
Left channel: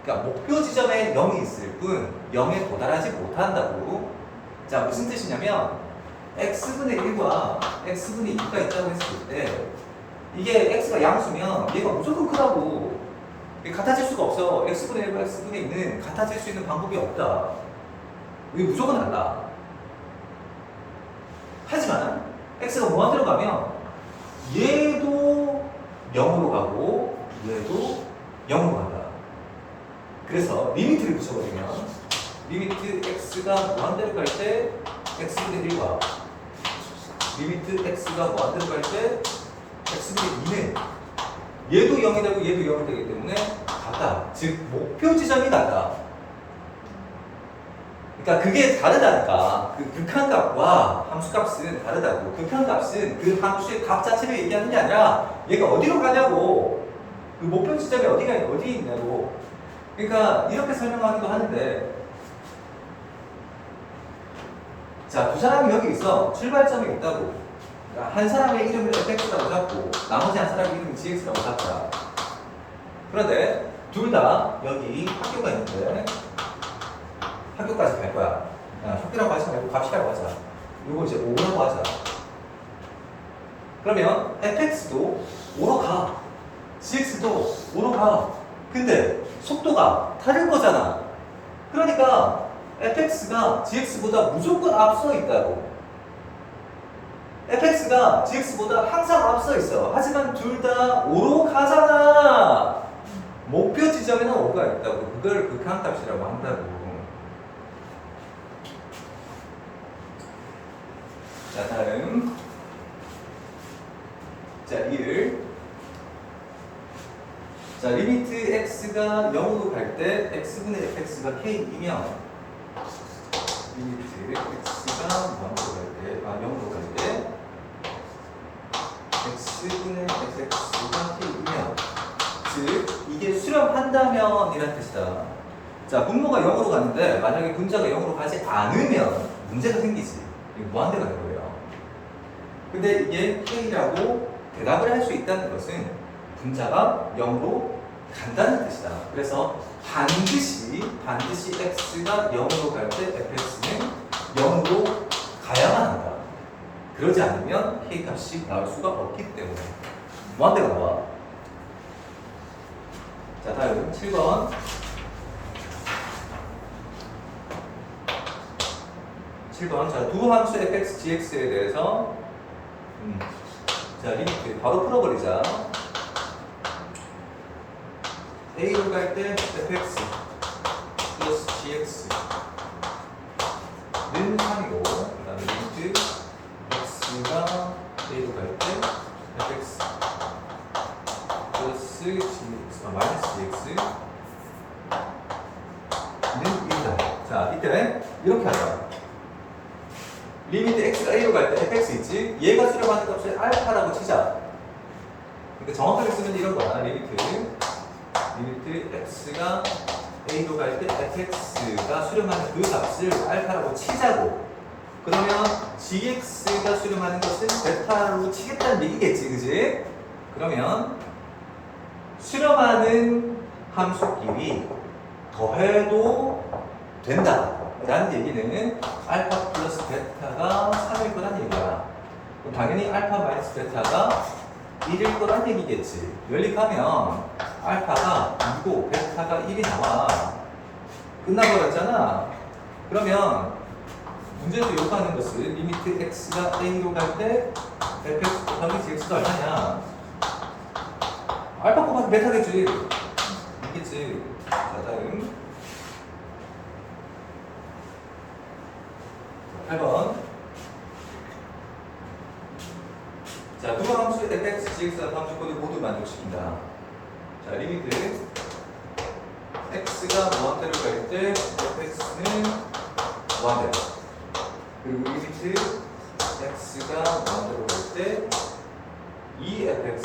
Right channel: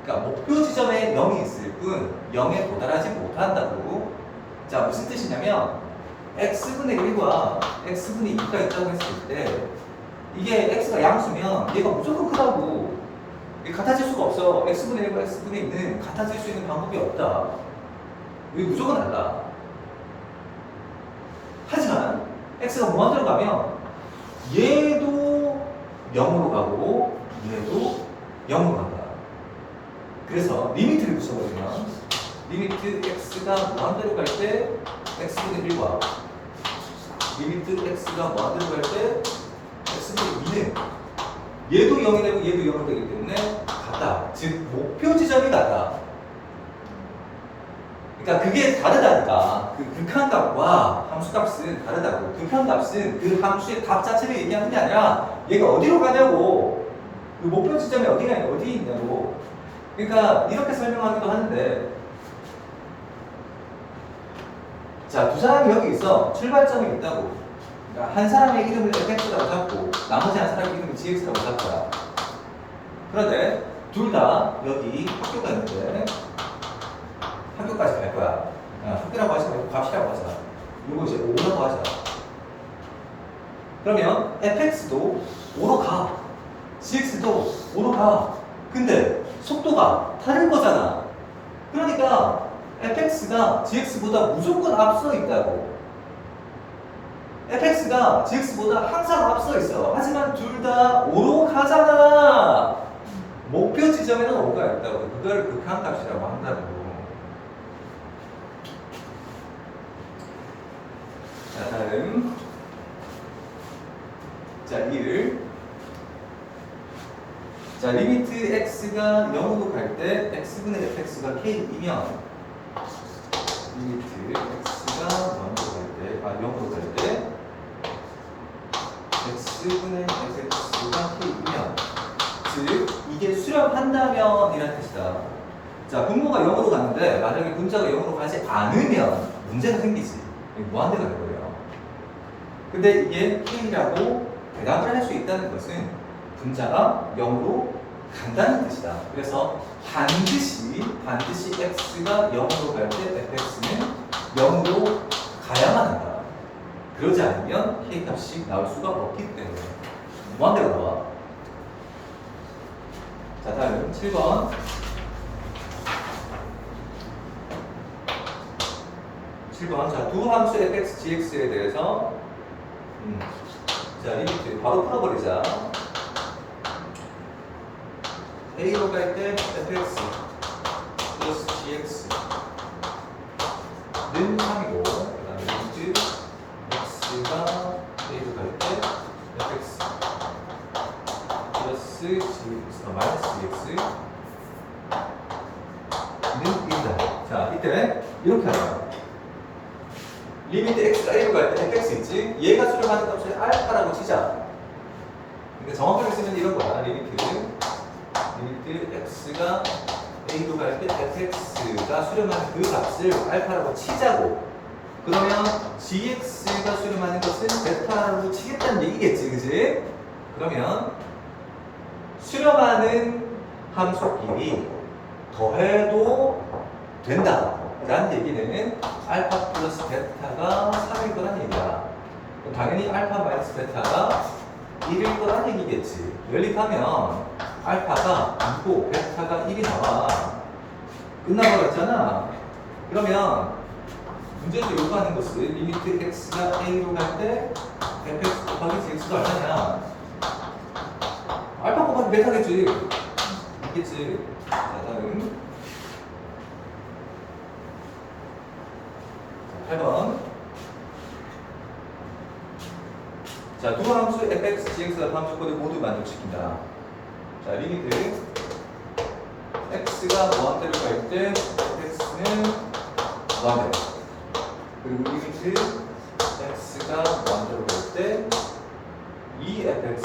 그러니까 목표 지점에 0이 있을 뿐 0에 도달하지 못한다고. 자, 무슨 뜻이냐면 x분의 1과 x분의 2가 있다고 했을 때 이게 x가 양수면 얘가 무조건 크다고. 같아질 수가 없어. x분의 1과 x분의 2는 같아질 수 있는 방법이 없다. 이게 무조건 달라. 하지만 x가 무한대로 가면 얘도 0으로 가고 얘도 0으로 간다. 그래서 리미트를 붙여버리면 리미트 x가 무한대로 갈 때 x분의 1과 리미트 x가 무한대로 갈 때 x분의 2는 얘도 0이 되고 얘도 0이 되기 때문에 같다. 즉 목표 지점이 같다. 그러니까 그게 다르다니까. 그 극한값과 함수값은 다르다고. 극한값은 그 함수의 값 자체를 얘기하는 게 아니라 얘가 어디로 가냐고. 그 목표 지점이 어디 있냐고. 그러니까 이렇게 설명하기도 하는데, 자, 두 사람이 여기 있어. 출발점에 있다고. 그러니까 한 사람의 이름을 fx라고 잡고 나머지 한 사람의 이름을 gx라고 잡자. 그런데 둘 다 여기 학교가 있는데 학교까지 갈 거야. 학교라고 하지 말고 값이라고 하자. 이거 이제 5라고 하자. 그러면 fx도 5로 가. gx도 5로 가. 근데 속도가 다른 거잖아. 그러니까 fx가 gx보다 무조건 앞서 있다고. fx가 gx보다 항상 앞서 있어. 하지만 둘 다 5로 가잖아. 목표 지점에는 5가 있다고. 그걸 극한값이라고 한다고. 자, 다음. 자, 1. 자, 리미트 x가 0으로 갈 때 x분의 fx가 k이면 리미트 x가 0으로 갈 때 x분의 fx가 k이면 즉 이게 수렴한다면 이란 뜻이다. 자, 분모가 0으로 가는데 만약에 분자가 0으로 가지 않으면 문제가 생기지. 이거 무한대가 될 거예요. 근데 이게 k라고 대답을 할 수 있다는 것은 분자가 0으로 간다는 뜻이다. 그래서 반드시 x가 0으로 갈 때 fx는 0으로 가야만 한다. 그러지 않으면 k 값이 나올 수가 없기 때문에 무한대가 나와. 자, 다음 7번. 7번. 자, 두 함수 fx, gx에 대해서 자, 리미트 바로 풀어버리자. a로 갈 때 fx 플러스 gx는 3이고 그 다음에 리미트 x가 a로 갈 때 fx 플러스 gx 마이너스 gx는 1이다. 자, 이때 이렇게 하자. 리미트 x가 a로 갈 때 fx 있지? 얘가 수렴하는 값을 알파라고 치자. 그러니까 정확하게 쓰면 이런 거야. 리미트 x가 a로 갈 때 fx가 수렴하는 그 값을 알파라고 치자고. 그러면 gx가 수렴하는 것을 베타로 치겠다는 얘기겠지, 그지? 그러면 수렴하는 함수끼리 더해도 된다 라는 얘기는 알파 플러스 베타가 3일 거란 얘기야. 그럼 당연히 알파 마이너스 베타가 1일 거란 얘기겠지. 연립하면 알파가 2고 베타가 1이 나와. 끝나버렸잖아. 그러면 문제에서 요구하는 것은 리미트 x가 a로 갈 때 fx 곱하기 gx가 얼마냐. 알파 곱하기 베타겠지. 있겠지. 자, 다음 8번. 자, 두 함수 fx, gx가 함수 코드 모두 만족시킨다. 자, 리미트 x가 무한대로 갈 때 fx는 무한대로. 그리고 리미트 x가 무한대로 갈 때 efx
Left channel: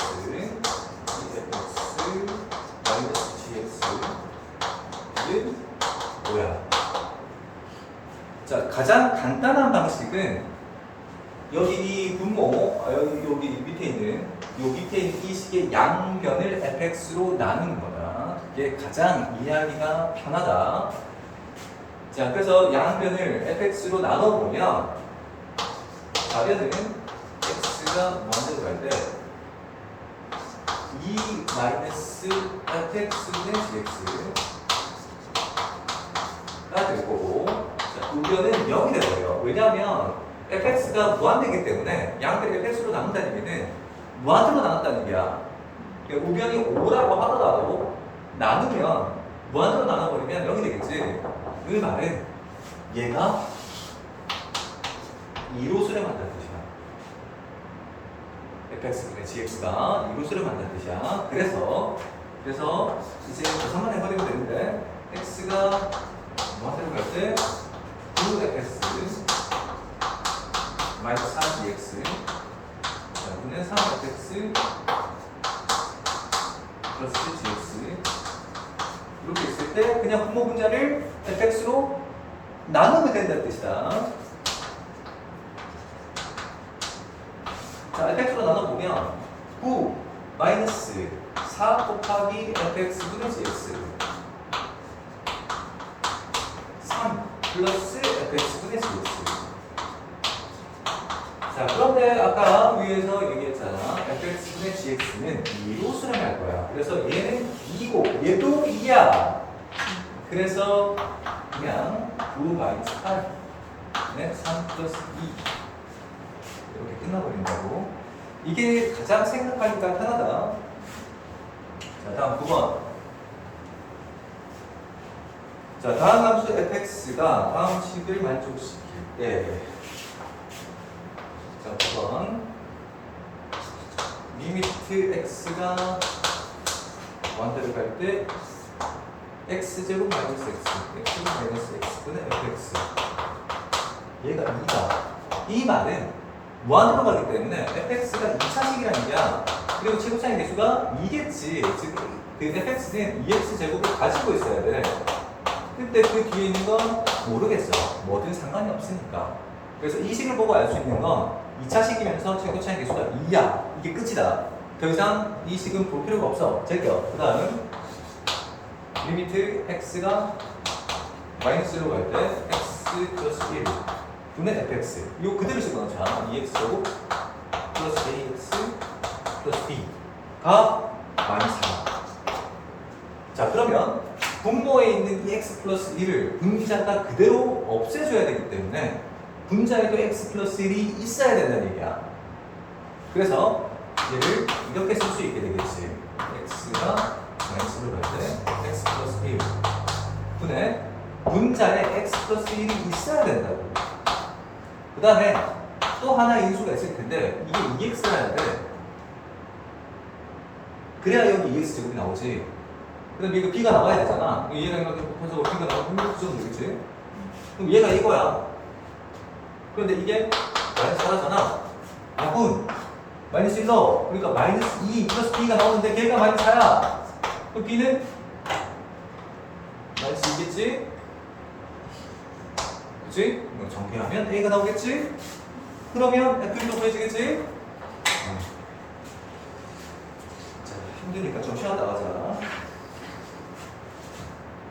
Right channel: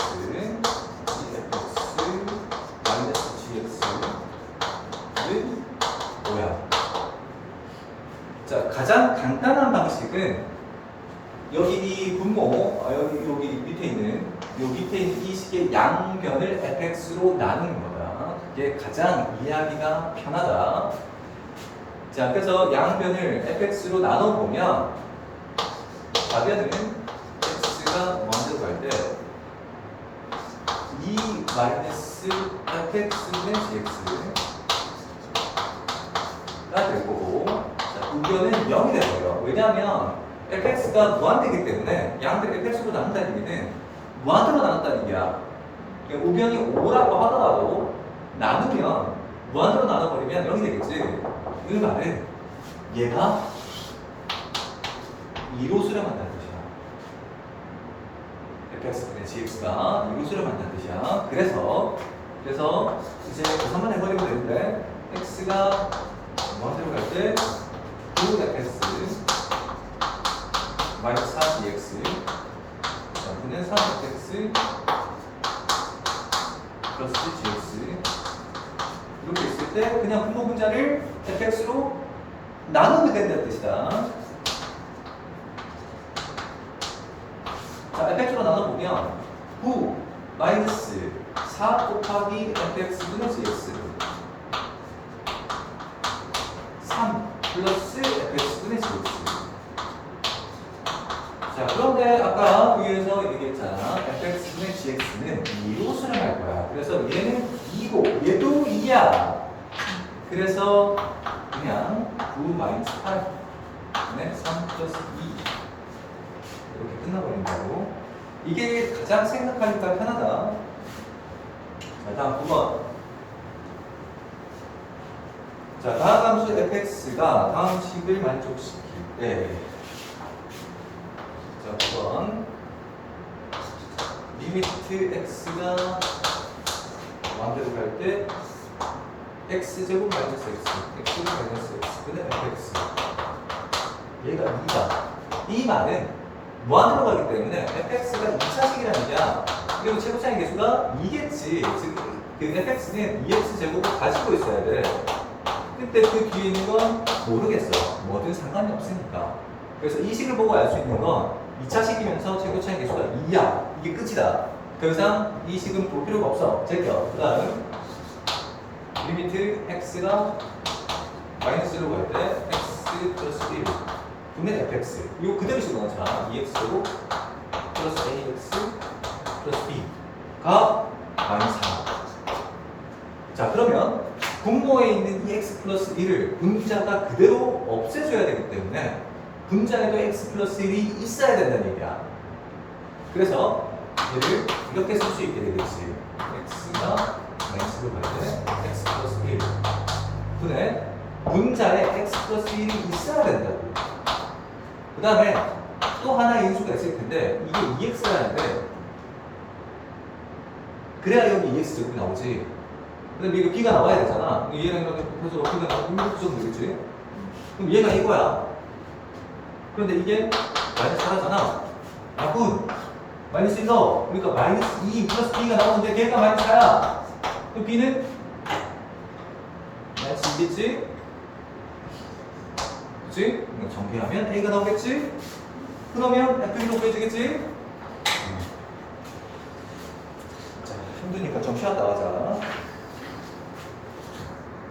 마이너스 gx는 뭐야? 자, 가장 간단한 방식은 여기 이 분모, 여기 밑에 있는 이 식의 양변을 fx로 나누는 거다. 이게 가장 이해하기가 편하다. 자, 그래서 양변을 fx로 나눠보면 좌변은 x가 무한대로 갈 때 2 마이너스 fx분의 gx가 될 거고, 자, 우변은 0이 되고요. 왜냐하면 fx가 무한대이기 때문에 양들 fx로 나눈다는 얘기는 무한대로 나눴다는 얘기야. 그러니까 우변이 5라고 하더라도 나누면 무한대로 나눠버리면 0이 되겠지. 그 말은 얘가 2로 수렴한다는 뜻이야. fx분의 gx가 2로 수렴한다는 뜻이야. 그래서 이제 한번 해버리면 되는데 x가 무한대로 갈 때 9fx 마이너스 4gx 분의 3fx 플러스 gx 이렇게 있을 때 그냥 분모 분자를 fx로 나누면 된다는 뜻이다. 자, fx로 나눠보면 9 마이너스 4 곱하기 fx분의 gx 3 플러스 fx분의 gx. 자, 그런데 아까 위에서 얘기했잖아. fx분의 gx는 2로 수렴할 거야. 그래서 얘는 2고 얘도 2야. 그래서 그냥 9 마이너스 8네 3 플러스 2 이렇게 끝나버린다고. 이게 가장 생각하니까 편하다. 자, 다음 9번. 자, 다음 함수 fx가 다음 식을 만족시킬 때 자, 9번 리미트 x가 완대로 갈 때 x제곱 마이너스 x x제곱 마이너스 x분의 fx 얘가 2다. 이 말은 무한으로 가기 때문에 fx가 2차식이라는 얘기야. 그리고 최고차의 개수가 2겠지. 즉, 그 fx는 2x제곱을 가지고 있어야 돼. 근데 그 뒤에 있는 건 모르겠어. 뭐든 상관이 없으니까. 그래서 이 식을 보고 알 수 있는 건 2차식이면서 최고차의 개수가 2야. 이게 끝이다. 더 이상 이 식은 볼 필요가 없어. 제껴. 그 다음 리미트 x가 마이너스로 갈 때 x 플러스 1 분의 fx 이거 그대로 집어넣자. 2x제곱 플러스 ax 플러스 b 다 마이너스 4. 자, 그러면 분모에 있는 이 x 플러스 1을 분자가 그대로 없애줘야 되기 때문에 분자에도 x 플러스 1이 있어야 된다는 얘기야. 그래서 얘를 이렇게 쓸 수 있게 되겠지. x가 마이너스로 갈 때 x 플러스 1 분의 분자에 x 플러스 1이 있어야 된다고. 그 다음에 또 하나의 인수가 있을 텐데 이게 2x라는데 그래야 여기 2x제곱이 나오지. 근데 이거 b가 나와야 되잖아. 얘랑 이렇게 곱해서 b가 나오면 이렇게 써도 되겠지. 그럼 얘가 이거야. 그런데 이게 마이너스 4잖아. 야군 마이너스 1 넣어. 그러니까 마이너스 2 플러스 b가 나오는데 걔가 마이너스 4야. 그럼 b는 마이너스 2겠지? 그치? 정비하면 a가 나오겠지? 그러면 f도 구해지겠지? 자, 힘드니까 좀 쉬었다 가자.